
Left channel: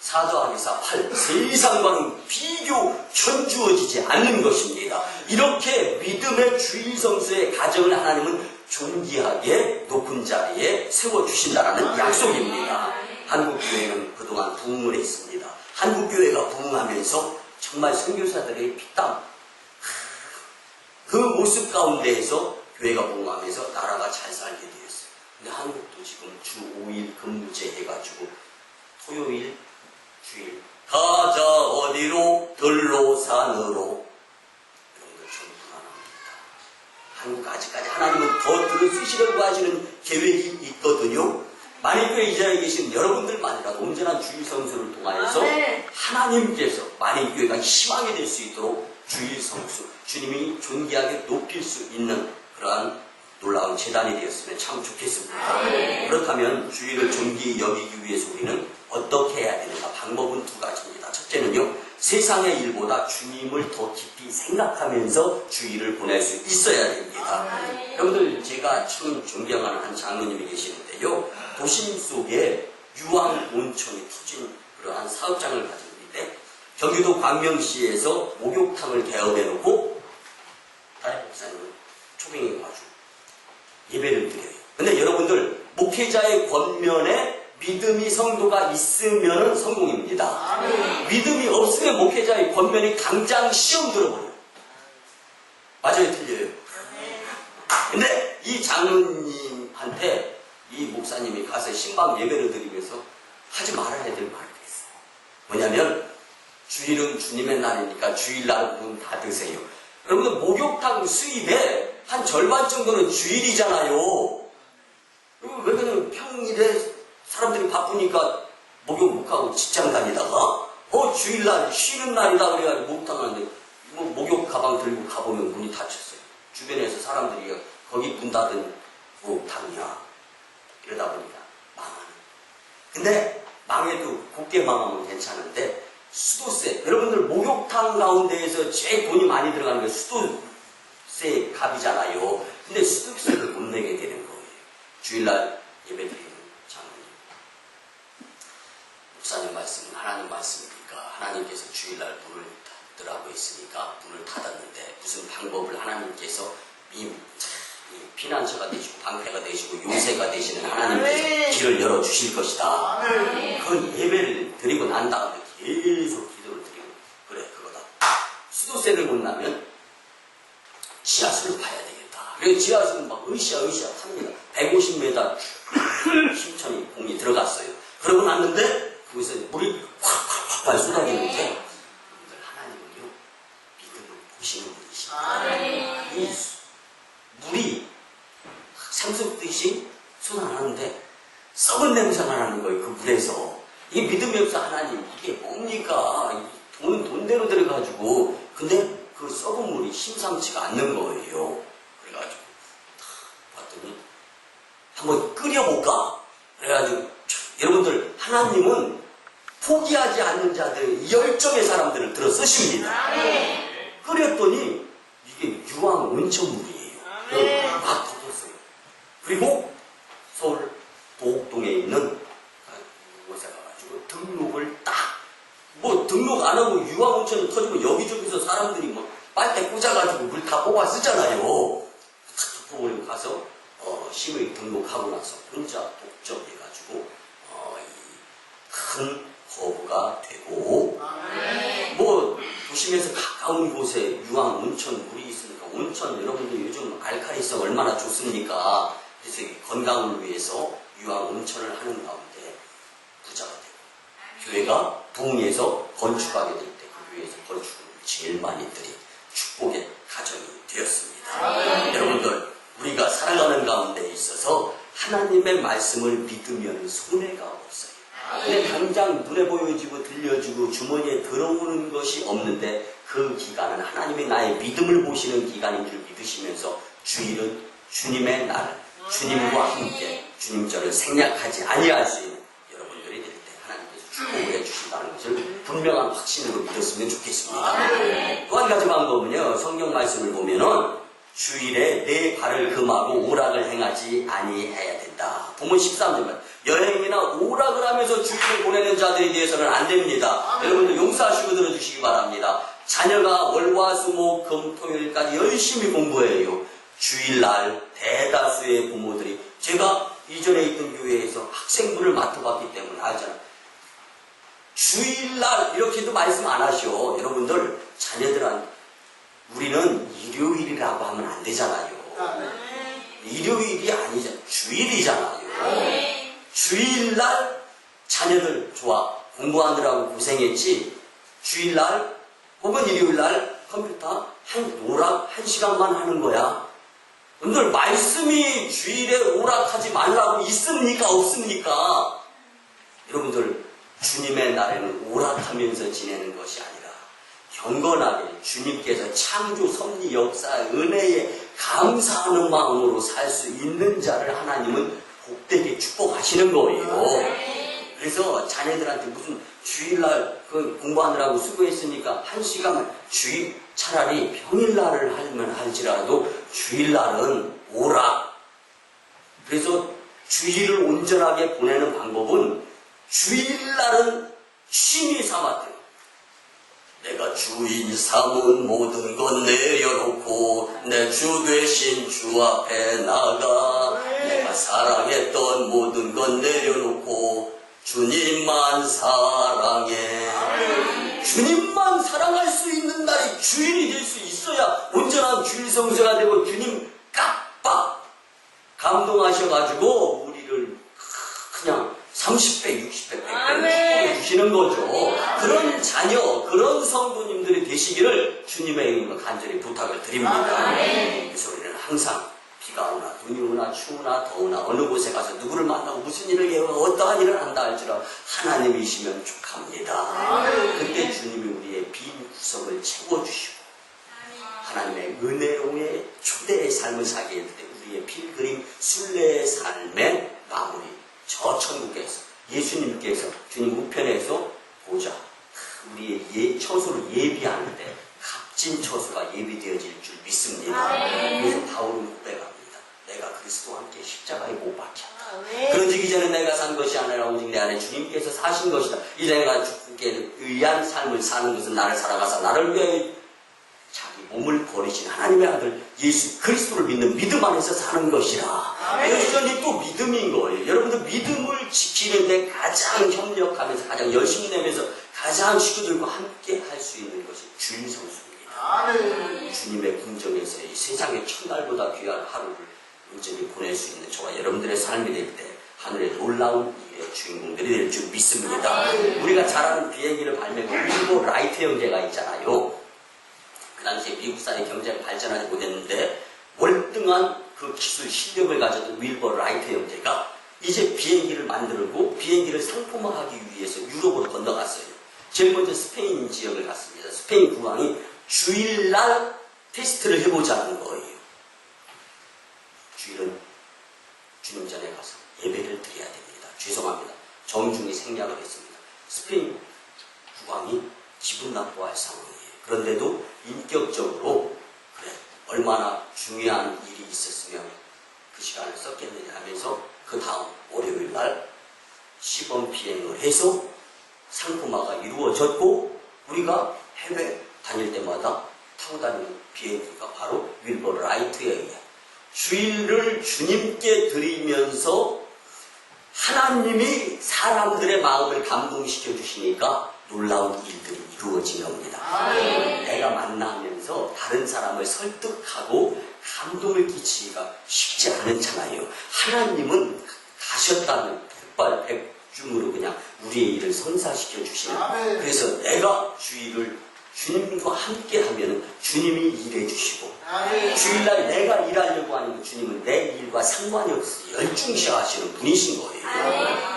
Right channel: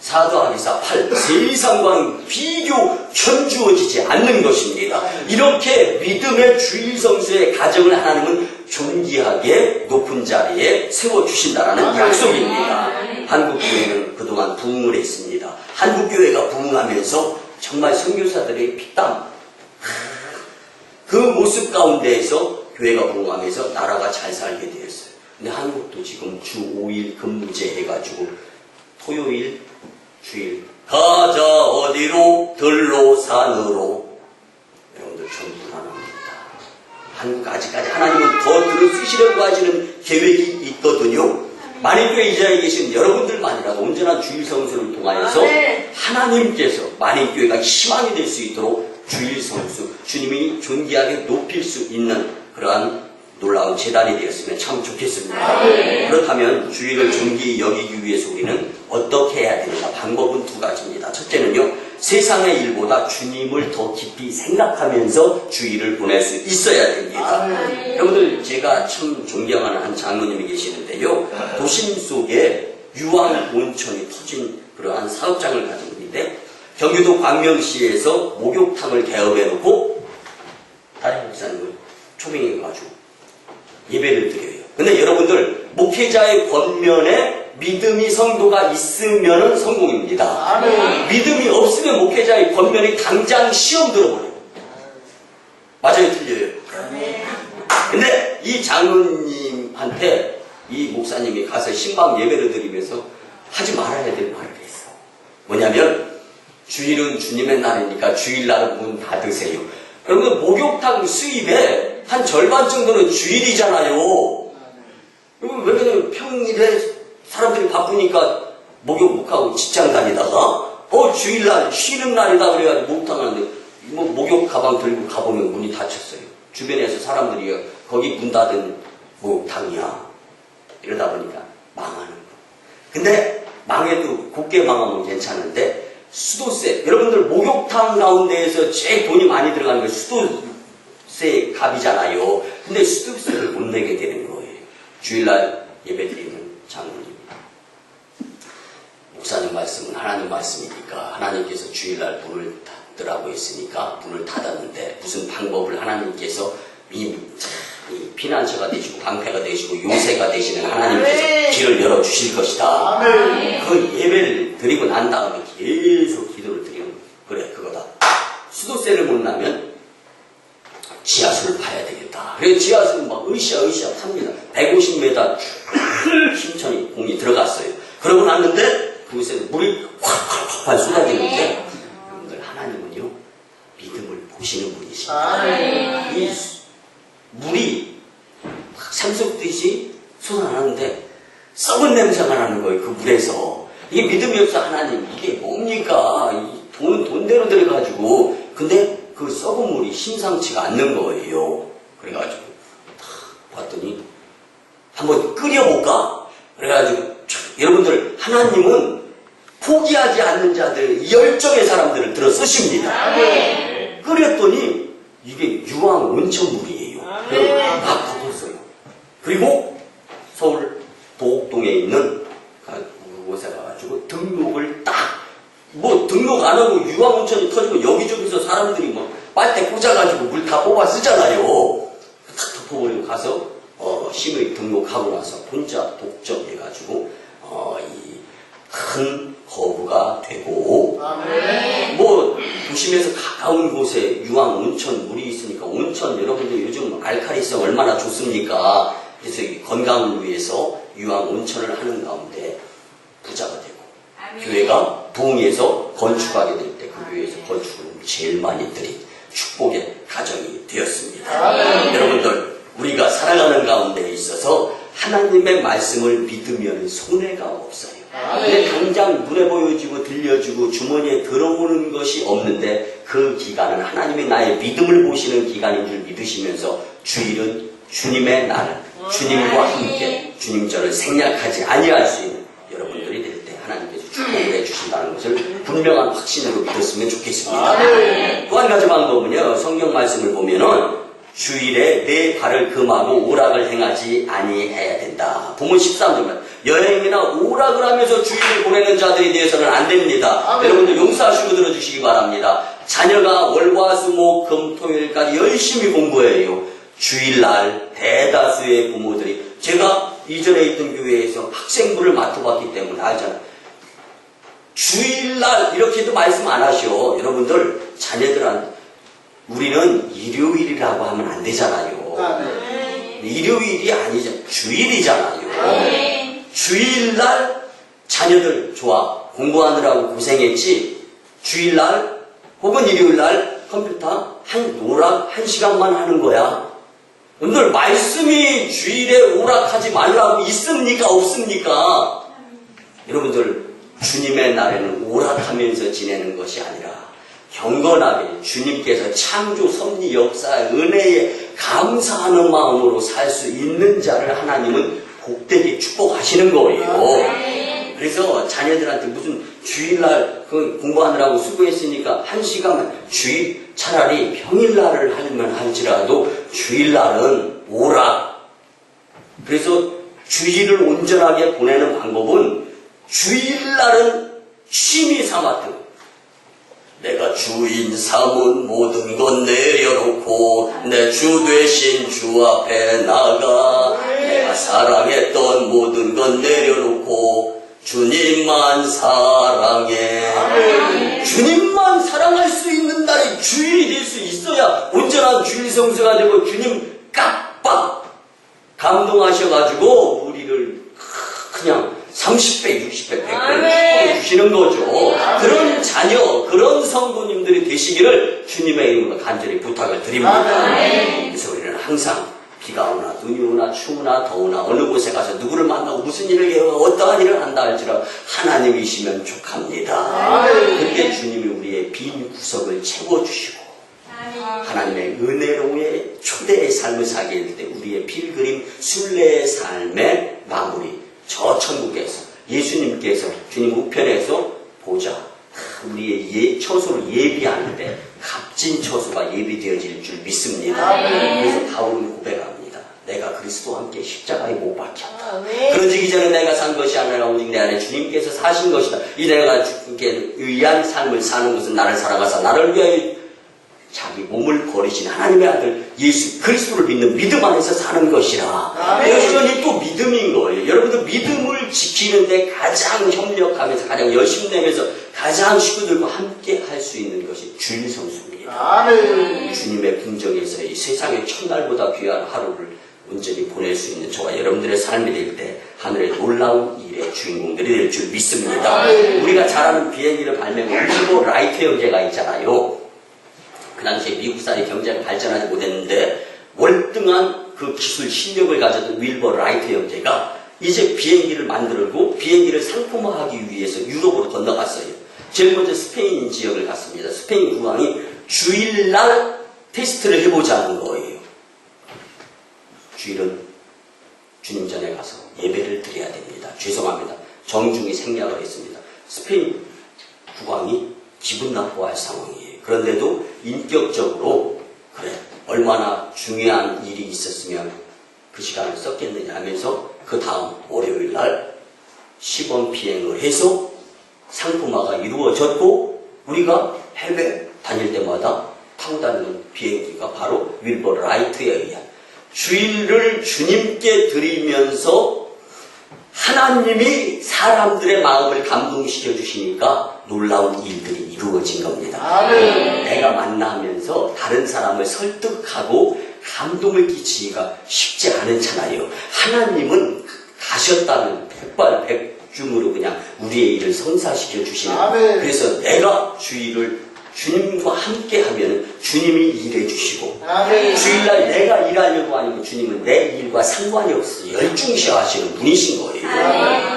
4 더하기 4, 8. 세상과는 비교 견주어지지 않는 것입니다. 이렇게 믿음의 주일성수의 가정을 하나님은 존귀하게 높은 자리에 세워주신다라는 약속입니다. 한국교회는 그동안 부흥을 했습니다. 한국교회가 부흥하면서 정말 선교사들의 피땀, 그 모습 가운데에서 교회가 부흥하면서 나라가 잘 살게 되었어요. 근데 한국도 지금 주 5일 근무제 해가지고 토요일, 주일 가자 어디로? 들로 산으로. 여러분들 전 불안합니다. 한국 아직까지 하나님은 더 들어 쓰시려고 하시는 계획이 있거든요. 만인교회 이 자리에 계신 여러분들만이라도 온전한 주일 성수를 통하여서 하나님께서 만인교회가 희망이 될 수 있도록 주일 성수, 주님이 존귀하게 높일 수 있는 그러한 놀라운 재단이 되었으면 참 좋겠습니다. 그렇다면 주일을 존귀히 여기기 위해서 우리는 어떻게 해야 되는가? 방법은 두 가지입니다. 첫째는요, 세상의 일보다 주님을 더 깊이 생각하면서 주일을 보낼 수 있어야 됩니다. 여러분들, 제가 참 존경하는 한 장로님이 계시는데요, 도심 속에 유황 온천이 터진 그러한 사업장을 가진 분인데, 경기도 광명시에서 목욕탕을 개업해놓고 다른 목사님을 초빙해가지고 예배를 드려요. 근데 여러분들, 목회자의 권면에 믿음이 성도가 있으면 성공입니다. 믿음이 없으면 목회자의 권면이 당장 시험 들어버려요. 맞아요, 틀려요? 근데 이 장로님한테 이 목사님이 가서 신방 예배를 드리면서 하지 말아야 될 말을 했어. 뭐냐면, 주일은 주님의 날이니까 주일날은 문 닫으세요. 여러분들, 목욕탕 수입에 한 절반 정도는 주일이잖아요. 왜냐면 평일에 사람들이 바쁘니까 목욕 못하고 직장 다니다가 주일날 쉬는 날이다 그래가지고 목욕탕 하는데 목욕 가방 들고 가보면 문이 닫혔어요. 주변에서 사람들이 거기 문 닫은 목욕탕이야. 이러다 보니까 망하는 거예요. 근데 망해도 곱게 망하면 괜찮은데 수도세, 여러분들 목욕탕 가운데에서 제일 돈이 많이 들어가는 게 수도세 값이잖아요. 근데 수도세를 못 내게 되는 거예요. 주일날 예배드리는 장로님. 목사님 말씀은 하나님 말씀이니까 하나님께서 주일날 문을 닫으라고 했으니까 문을 닫았는데 무슨 방법을 하나님께서 이 피난처가 되시고 방패가 되시고 요새가 되시는 하나님께서 길을 열어주실 것이다. 그 예배를 드리고 난 다음에 계속 기도를 드리는 거예요. 그래, 그거다. 수도세를 못 나면 지하수를 파야 되겠다. 그래서 지하수는 막 으쌰으쌰 탑니다. 150m 힘천이 공이 들어갔어요. 그러고 났는데 거기서 물이 콱콱콱 쏟아지는데 여러분들, 하나님은요 믿음을 보시는 분이십니다. 이 물이 샘솟듯이 솟아나는데 썩은 냄새가 나는 거예요. 그 물에서. 이게 믿음이 없어. 하나님, 이게 뭡니까? 돈은 돈대로 들어가지고. 근데 그 썩은 물이 심상치가 않는 거예요. 그래가지고 봤더니 한번 끓여볼까? 그래가지고 여러분들, 하나님은 포기하지 않는 자들, 열정의 사람들을 들어 쓰십니다. 끓였더니 이게 유황 온천물이에요. 막 덮었어요. 그리고 서울 도곡동에 있는 곳에 가가지고 등록을 등록 안 하고 유황 온천이 터지면 여기저기서 사람들이 빨대 꽂아가지고 물 다 뽑아 쓰잖아요. 탁 덮어버리고 가서 심의 등록하고 나서 혼자 독점해가지고 이 큰 거부가 되고 도심에서 가까운 곳에 유황 온천 물이 있으니까 온천, 여러분들 요즘 알칼리성 얼마나 좋습니까? 그래서 건강을 위해서 유황 온천을 하는 가운데 부자가 되고 교회가 부흥해서 건축하게 될 때 그 교회에서 건축을 제일 많이 드린 축복의 가정이 되었습니다. 여러분들, 우리가 살아가는 가운데 있어서 하나님의 말씀을 믿으면 손해가 없어요. 근데 당장 눈에 보여지고 들려지고 주머니에 들어오는 것이 없는데 그 기간은 하나님이 나의 믿음을 보시는 기간인 줄 믿으시면서 주일은 주님의 날, 주님과 함께 주님 저를 생략하지 아니할 수 있는 여러분들이 될 때 하나님께서 축복을 해주신다는 것을 분명한 확신으로 믿었으면 좋겠습니다. 또 한 가지 방법은요, 성경 말씀을 보면은 주일에 내 발을 금하고 오락을 행하지 아니해야 된다. 본문 13절만 여행이나 오락을 하면서 주일을 보내는 자들에 대해서는 안 됩니다. 여러분들 용서하시고 들어주시기 바랍니다. 자녀가 월화수목금토일까지 열심히 공부해요. 주일날 대다수의 부모들이, 제가 이전에 있던 교회에서 학생부를 맡아봤기 때문에 알잖아요. 주일날 이렇게도 말씀 안 하셔. 여러분들 자녀들한테 우리는 일요일이라고 하면 안 되잖아요. 일요일이 아니잖아요. 주일이잖아요. 주일날 자녀들 좋아. 공부하느라고 고생했지. 주일날 혹은 일요일날 컴퓨터 오락 1시간만 하는 거야. 오늘 말씀이 주일에 오락하지 말라고 있습니까? 없습니까? 여러분들 주님의 날에는 오락하면서 지내는 것이 아니라 경건하게 주님께서 창조 섭리 역사의 은혜에 감사하는 마음으로 살 수 있는 자를 하나님은 복되게 축복하시는 거예요. 그래서 자녀들한테 무슨 주일날 공부하느라고 수고했으니까 1시간만 차라리 평일날을 하면 할지라도 주일날은 오락. 그래서 주일을 온전하게 보내는 방법은 주일날은 취미 삼았던 내가 주인 삼은 모든 것 내려놓고 내 주 되신 주 앞에 나가 내가 사랑했던 모든 것 내려놓고 주님만 사랑해. 주님만 사랑할 수 있는 날이 주일이 될 수 있어야 온전한 주일 성수가 되고 주님 깜빡 감동하셔가지고 우리를 그냥 30배, 60배, 100배 축복해 주시는 거죠. 그런 자녀, 그런 성도님들이 되시기를 주님의 이름으로 간절히 부탁을 드립니다. 그래서 우리는 항상 비가 오나 눈이 오나 추우나 더우나 어느 곳에 가서 누구를 만나고 무슨 일을 해요 어떠한 일을 한다 할지라도 하나님이시면 족합니다. 그때 주님이 우리의 빈 구석을 채워주시고 하나님의 은혜로의 초대의 삶을 살게 될 때 우리의 필그림 순례의 삶의 마무리, 저 천국에서 예수님께서 주님 우편에서 보자 우리의 처소를 예비하는데 값진 처소가 예비되어질 줄 믿습니다. 그래서 바울은 고백합니다. 내가 그리스도와 함께 십자가에 못 박혔다. 그러지기 전에 내가 산 것이 아니라 오직 내 안에 주님께서 사신 것이다. 이제 내가 주님께 의한 삶을 사는 것은 나를 사랑하사 나를 위하여 자기 몸을 버리신 하나님의 아들 예수 그리스도를 믿는 믿음 안에서 사는 것이라. 여전히 또 믿음인 거예요. 여러분들 믿음을 지키는데 가장 협력하면서 가장 열심히 내면서 가장 식구들과 함께 할 수 있는 것이 주일 성수입니다. 주님의 궁정에서 이 세상의 첫날보다 귀한 하루를 온전히 보낼 수 있는 저와 여러분들의 삶이 될 때 하늘의 놀라운 일의 주인공들이 될 줄 믿습니다. 우리가 잘 아는 비행기를 발명한 윌버 라이트 형제가 있잖아요. 그 당시에 미국 사회 경제가 발전하지 못했는데 월등한 그 기술 실력을 가졌던 윌버 라이트 형제가 이제 비행기를 만들고 비행기를 상품화하기 위해서 유럽으로 건너갔어요. 제일 먼저 스페인 지역을 갔습니다. 스페인 국왕이 주일날 테스트를 해보자는 거예요. 주일은 주님 전에 가서 예배를 드려야 됩니다. 죄송합니다. 정중히 생략을 했습니다. 스페인 국왕이 기분 나빠할 상황이에요. 그런데도 인격적으로 그래 얼마나 중요한 일이 있었으면 그 시간을 썼겠느냐 하면서 그 다음 월요일 날 시범 비행을 해서 상품화가 이루어졌고 우리가 해외 다닐 때마다 타고 다니는 비행기가 바로 윌버 라이트에 의한 주일을 주님께 드리면서 하나님이 사람들의 마음을 감동시켜 주시니까 놀라운 일들이 이루어진 겁니다. 내가 만나면서 다른 사람을 설득하고 감동을 끼치기가 쉽지 않잖아요. 하나님은 가셨다면 백발백중으로 그냥 우리의 일을 성사시켜 주시는. 그래서 내가 주일을 주님과 함께 하면 주님이 일해 주시고 주일날 내가 일하려고 하니까 주님은 내 일과 상관이 없어 열중시 하시는 분이신 거예요.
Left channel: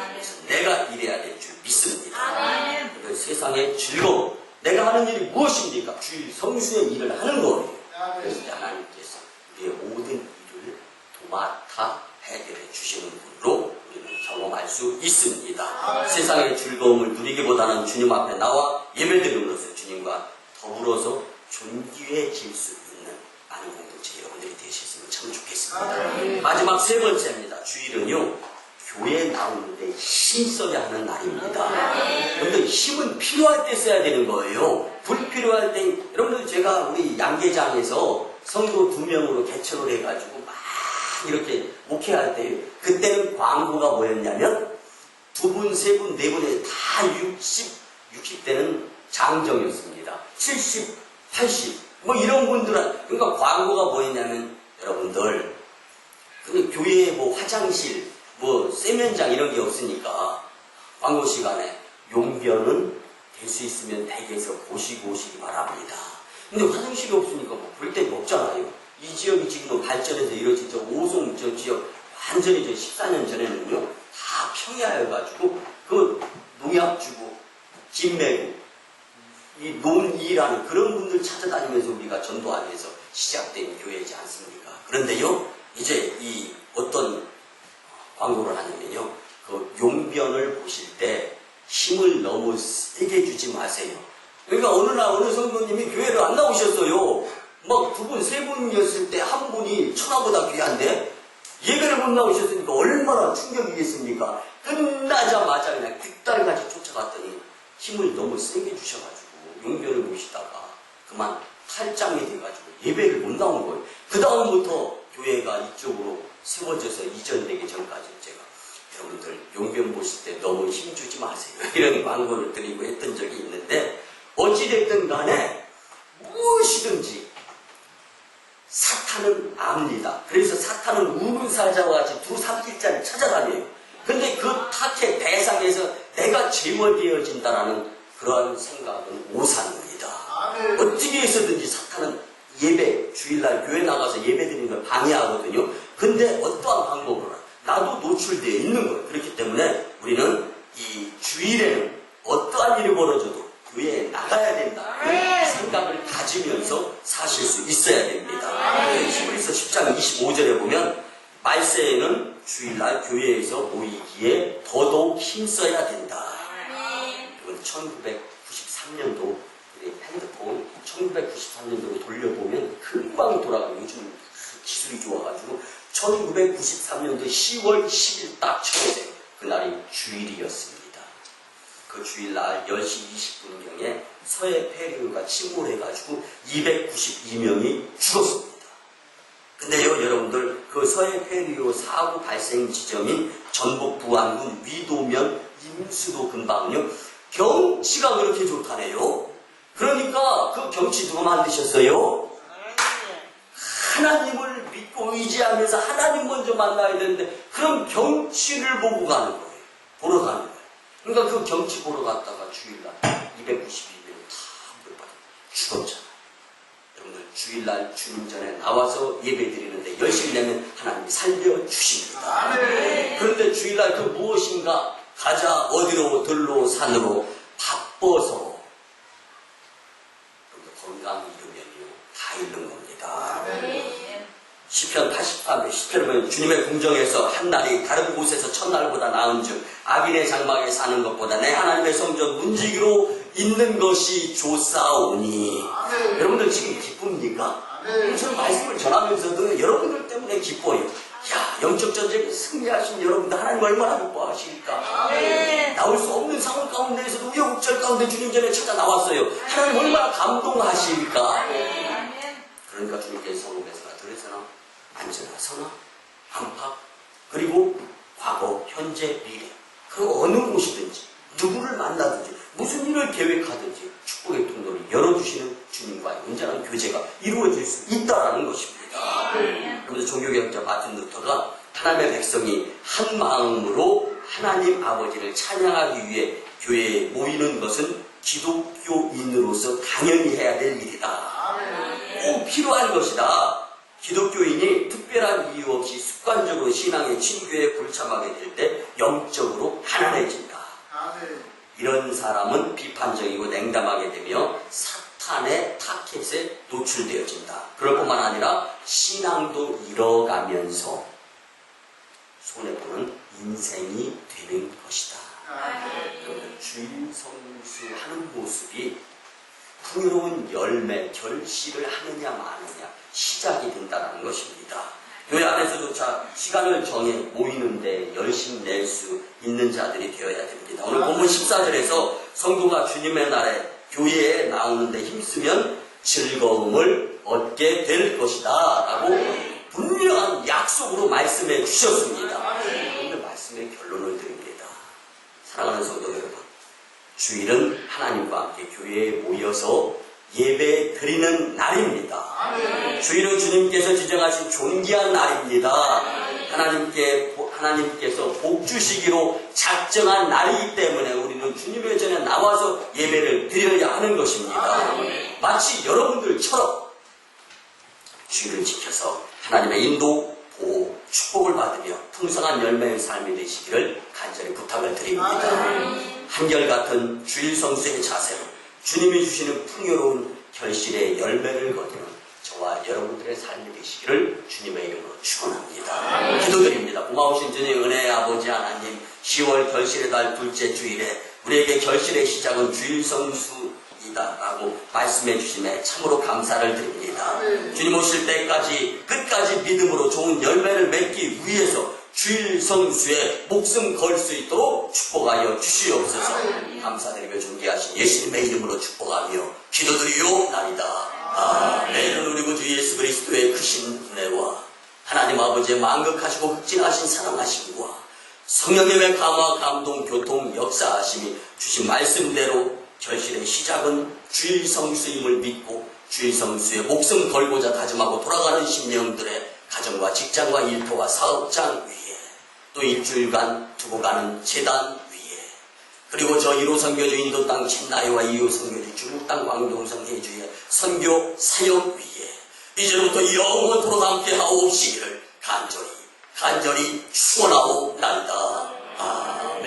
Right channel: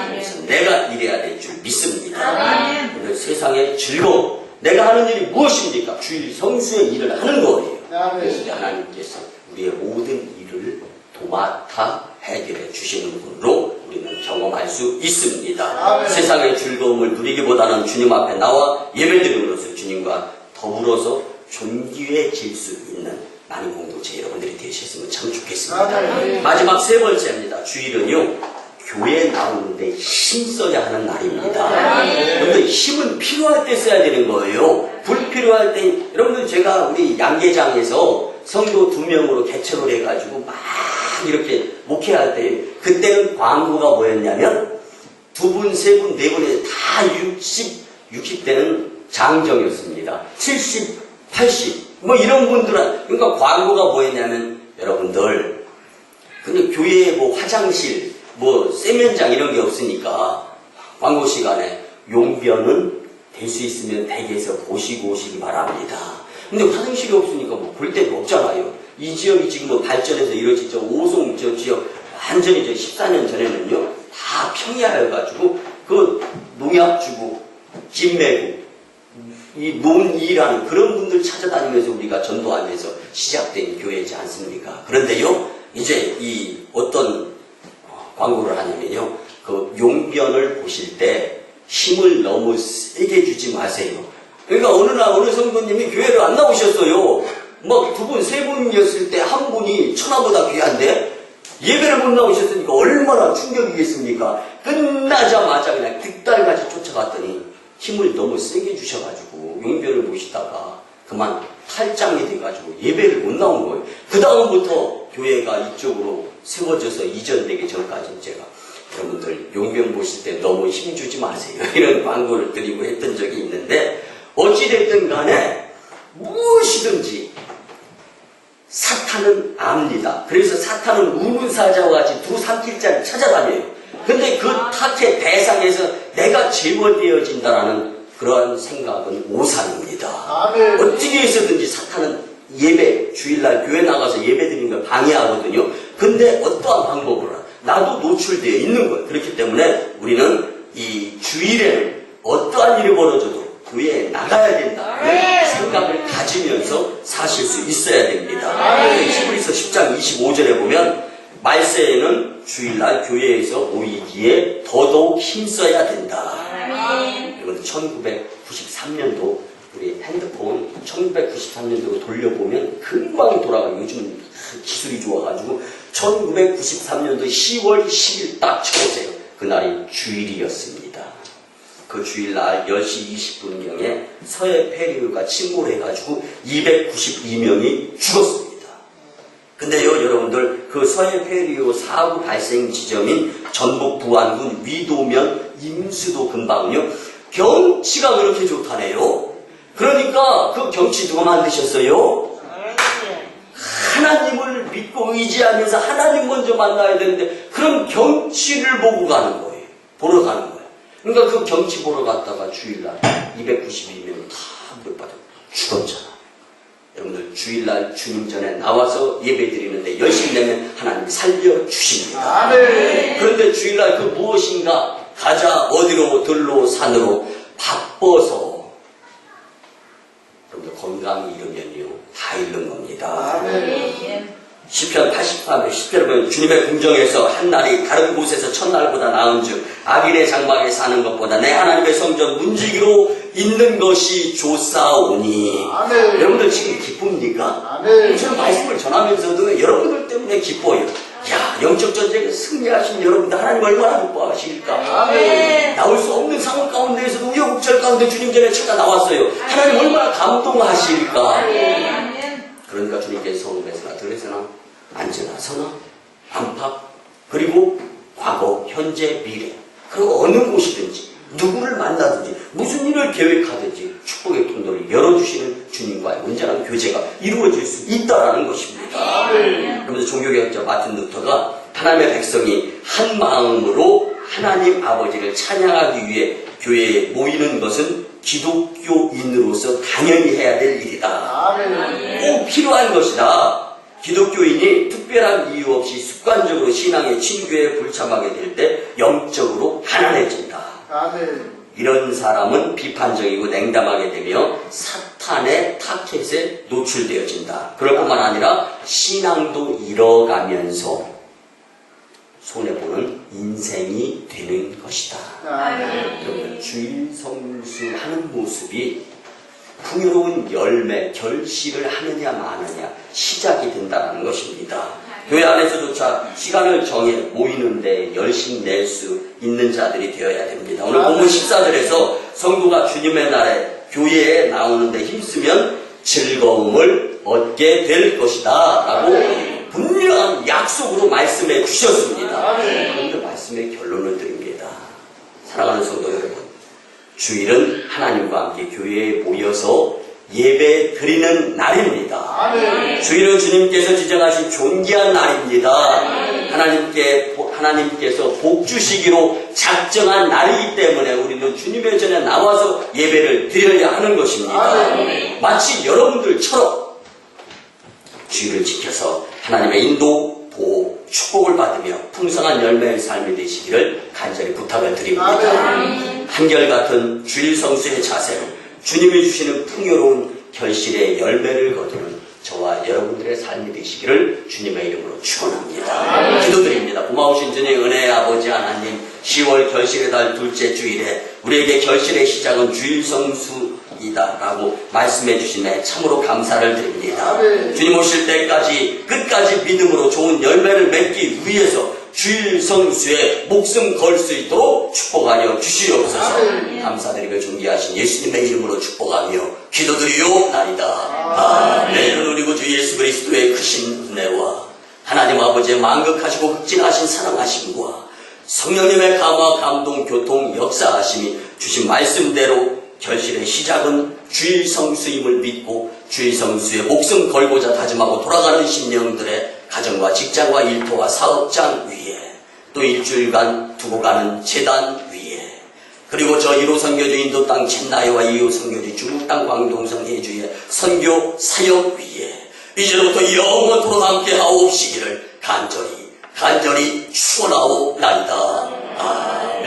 그래서 내가 일해야 될 줄 믿습니다. 근데 세상의 즐거움, 내가 하는 일이 무엇입니까? 주일 성수의 일을 하는 거예요. 그래서 하나님께서 우리의 모든 일을 도맡아 해결해 주시는 분으로 우리는 경험할 수 있습니다. 세상의 즐거움을 누리기보다는 주님 앞에 나와 예배드림으로써 주님과 더불어서 존귀해질 수 있는 많은 공동체 여러분들이 되셨으면 참 좋겠습니다. 마지막 세 번째입니다. 주일은요, 교회에 나오는데 힘써야 하는 날입니다. 여러분들 힘은 필요할 때 써야 되는 거예요. 불필요할 때, 여러분들 제가 우리 양계장에서 성도 2명으로 개척을 해가지고 막 이렇게 목회할 때 그때는 광고가 뭐였냐면 2분, 3분, 4분에 다 60대는 장정이었습니다. 70, 80 뭐 이런 분들은, 그러니까 광고가 뭐였냐면 여러분들 근데 교회에 뭐 화장실 뭐 세면장 이런 게 없으니까 광고 시간에 용변은 될 수 있으면 댁에서 보시고 오시기 바랍니다. 근데 화장실이 없으니까 뭐 볼 데가 없잖아요. 이 지역이 지금 뭐 발전해서 이루어진 저 오송 저 지역 완전히 저 14년 전에는요 다 평야여가지고 그 농약 주고 집 메고 이 논일하는 그런 분들 찾아다니면서 우리가 전도하면서 시작된 교회이지 않습니까? 그런데요 이제 이 어떤 광고를 하냐면요 그 용변을 보실 때 힘을 너무 세게 주지 마세요. 그러니까 어느 날 어느 성도님이 교회를 안 나오셨어요. 막 2분, 3분이었을 때 한 분이 천하보다 귀한데 예배를 못 나오셨으니까 얼마나 충격이겠습니까? 끝나자마자 그냥 득달같이 쫓아갔더니 힘을 너무 세게 주셔가지고 용변을 보시다가 그만 탈장이 돼가지고 예배를 못 나온 거예요. 그 다음부터 교회가 이쪽으로 세워져서 이전되기 전까지 제가 여러분들 용변 보실 때 너무 힘주지 마세요. 이런 광고를 드리고 했던 적이 있는데 어찌됐든 간에 무엇이든지 사탄은 압니다. 그래서 사탄은 우문사자와 같이 두 삼킬자를 찾아다녀요. 근데 그 탓의 대상에서 내가 제거되어진다라는 그러한 생각은 오산입니다. 어떻게 해서든지 사탄은 예배, 주일날 교회 나가서 예배 드리는 걸 방해하거든요. 근데 어떠한 방법으로 나도 노출되어 있는 거예요. 그렇기 때문에 우리는 이 주일에는 어떠한 일이 벌어져도 교회에 나가야 된다는 생각을 가지면서 사실 수 있어야 됩니다. 히브리서 10장 25절에 보면 말세에는 주일날 교회에서 모이기에 더더욱 힘써야 된다. 이건 1993년도 우리 핸드폰 1993년도로 돌려보면 금방 돌아가요. 요즘 기술이 좋아가지고 1993년도 10월 10일 딱 쳐보세요. 그날이 주일이었습니다. 그 주일날 10시 20분경에 서해 폐류가 침몰해가지고 292명이 죽었습니다. 근데요 여러분들 그 서해 폐류 사고 발생 지점인 전북 부안군 위도면 임수도 근방은요 경치가 그렇게 좋다네요. 그러니까 그 경치 누가 만드셨어요? 하나님을 믿고 의지하면서 하나님 먼저 만나야 되는데 그런 경치를 보고 가는 거예요. 보러 가는 거예요. 그러니까 그 경치 보러 갔다가 주일날 292명이 다 물받아 죽었잖아. 여러분들 주일날 주님 전에 나와서 예배 드리는데 열심히 내면 하나님이 살려주십니다. 그런데 주일날 그 무엇인가 가자 어디로 들로 산으로 바빠서 여러분들 건강이 잃으면요 다 잃는 겁니다. 시편 83편 10절에 보면 주님의 궁정에서 한날이 다른 곳에서 첫날보다 나은즉 악인의 장막에 사는 것보다 내 하나님의 성전 문지기로 있는 것이 좋사오니. 여러분들 지금 기쁩니까? 저는 말씀을 전하면서도 여러분들 때문에 기뻐요. 야, 영적 전쟁에 승리하신 여러분들 하나님 얼마나 기뻐하실까? 나올 수 없는 상황 가운데에서도 우여곡절 가운데 주님 전에 찾아 나왔어요. 하나님 얼마나 감동하실까? 그러니까 주님께서 성읍에서나 들에서나 앉으나 서나 안팎 그리고 과거, 현재, 미래 그리고 어느 곳이든지 누구를 만나든지 무슨 일을 계획하든지 축복의 통로를 열어주시는 주님과의 온전한 교제가 이루어질 수 있다는 것입니다. 여러분들 종교개혁자 마틴 루터가 하나님의 백성이 한 마음으로 하나님 아버지를 찬양하기 위해 교회에 모이는 것은 기독교인으로서 당연히 해야 될 일이다. 꼭 필요한 것이다. 기독교인이 특별한 이유 없이 습관적으로 신앙의 친교에 불참하게 될 때 영적으로 가난해진다. 이런 사람은 비판적이고 냉담하게 되며 사탄의 타켓에 노출되어진다. 그럴 뿐만 아니라 신앙도 잃어가면서 손해보는 인생이 되는 것이다. 여러분, 주일 성수하는 모습이 풍요로운 열매, 결실을 하느냐 마느냐 시작이 된다는 것입니다. 교회 안에서조차 시간을 정해 모이는데 열심 낼 수 있는 자들이 되어야 됩니다. 오늘 본문 14절에서 성도가 주님의 날에 교회에 나오는데 힘쓰면 즐거움을 얻게 될 것이다 라고 분명한 약속으로 말씀해 주셨습니다. 그런데 말씀의 결론을 드립니다. 사랑하는 성도 여러분, 주일은 하나님과 함께 교회에 모여서 예배 드리는 날입니다. 주일은 주님께서 지정하신 존귀한 날입니다. 하나님께서 복 주시기로 작정한 날이기 때문에 우리는 주님의 전에 나와서 예배를 드려야 하는 것입니다. 마치 여러분들처럼 주일을 지켜서 하나님의 인도, 보호, 축복을 받으며 풍성한 열매의 삶이 되시기를 간절히 부탁을 드립니다. 한결같은 주일 성수의 자세로 주님이 주시는 풍요로운 결실의 열매를 거두는 저와 여러분들의 삶이 되시기를 주님의 이름으로 축원합니다. 기도드립니다. 고마우신 주님 은혜의 아버지 하나님, 10월 결실의 달 둘째 주일에 우리에게 결실의 시작은 주일 성수이다라고 말씀해 주시네 참으로 감사를 드립니다. 주님 오실 때까지 끝까지 믿음으로 좋은 열매를 맺기 위해서 주일 성수에 목숨 걸 수 있도록 축복하여 주시옵소서. 감사드리며 존귀하신 예수님의 이름으로 축복하며 기도드리옵나이다. 아멘. 우리 구주 예수 그리스도의 크신 은혜와 하나님 아버지의 만극하시고 흑진하신 사랑하심과 성령님의 감화 감동 교통 역사하심이 주신 말씀대로 결실의 시작은 주일 성수임을 믿고 주일 성수에 목숨 걸고자 다짐하고 돌아가는 심령들의 가정과 직장과 일터와 사업장 위에 또 일주일간 두고 가는 재단 위에 그리고 저 1호 선교주 인도 땅 첸나이와 2호 선교주 중국 땅 광동성 해주의 선교 사역 위에 이제부터 영원토록 함께 하옵시기를 간절히 축원하옵나이다. 아멘.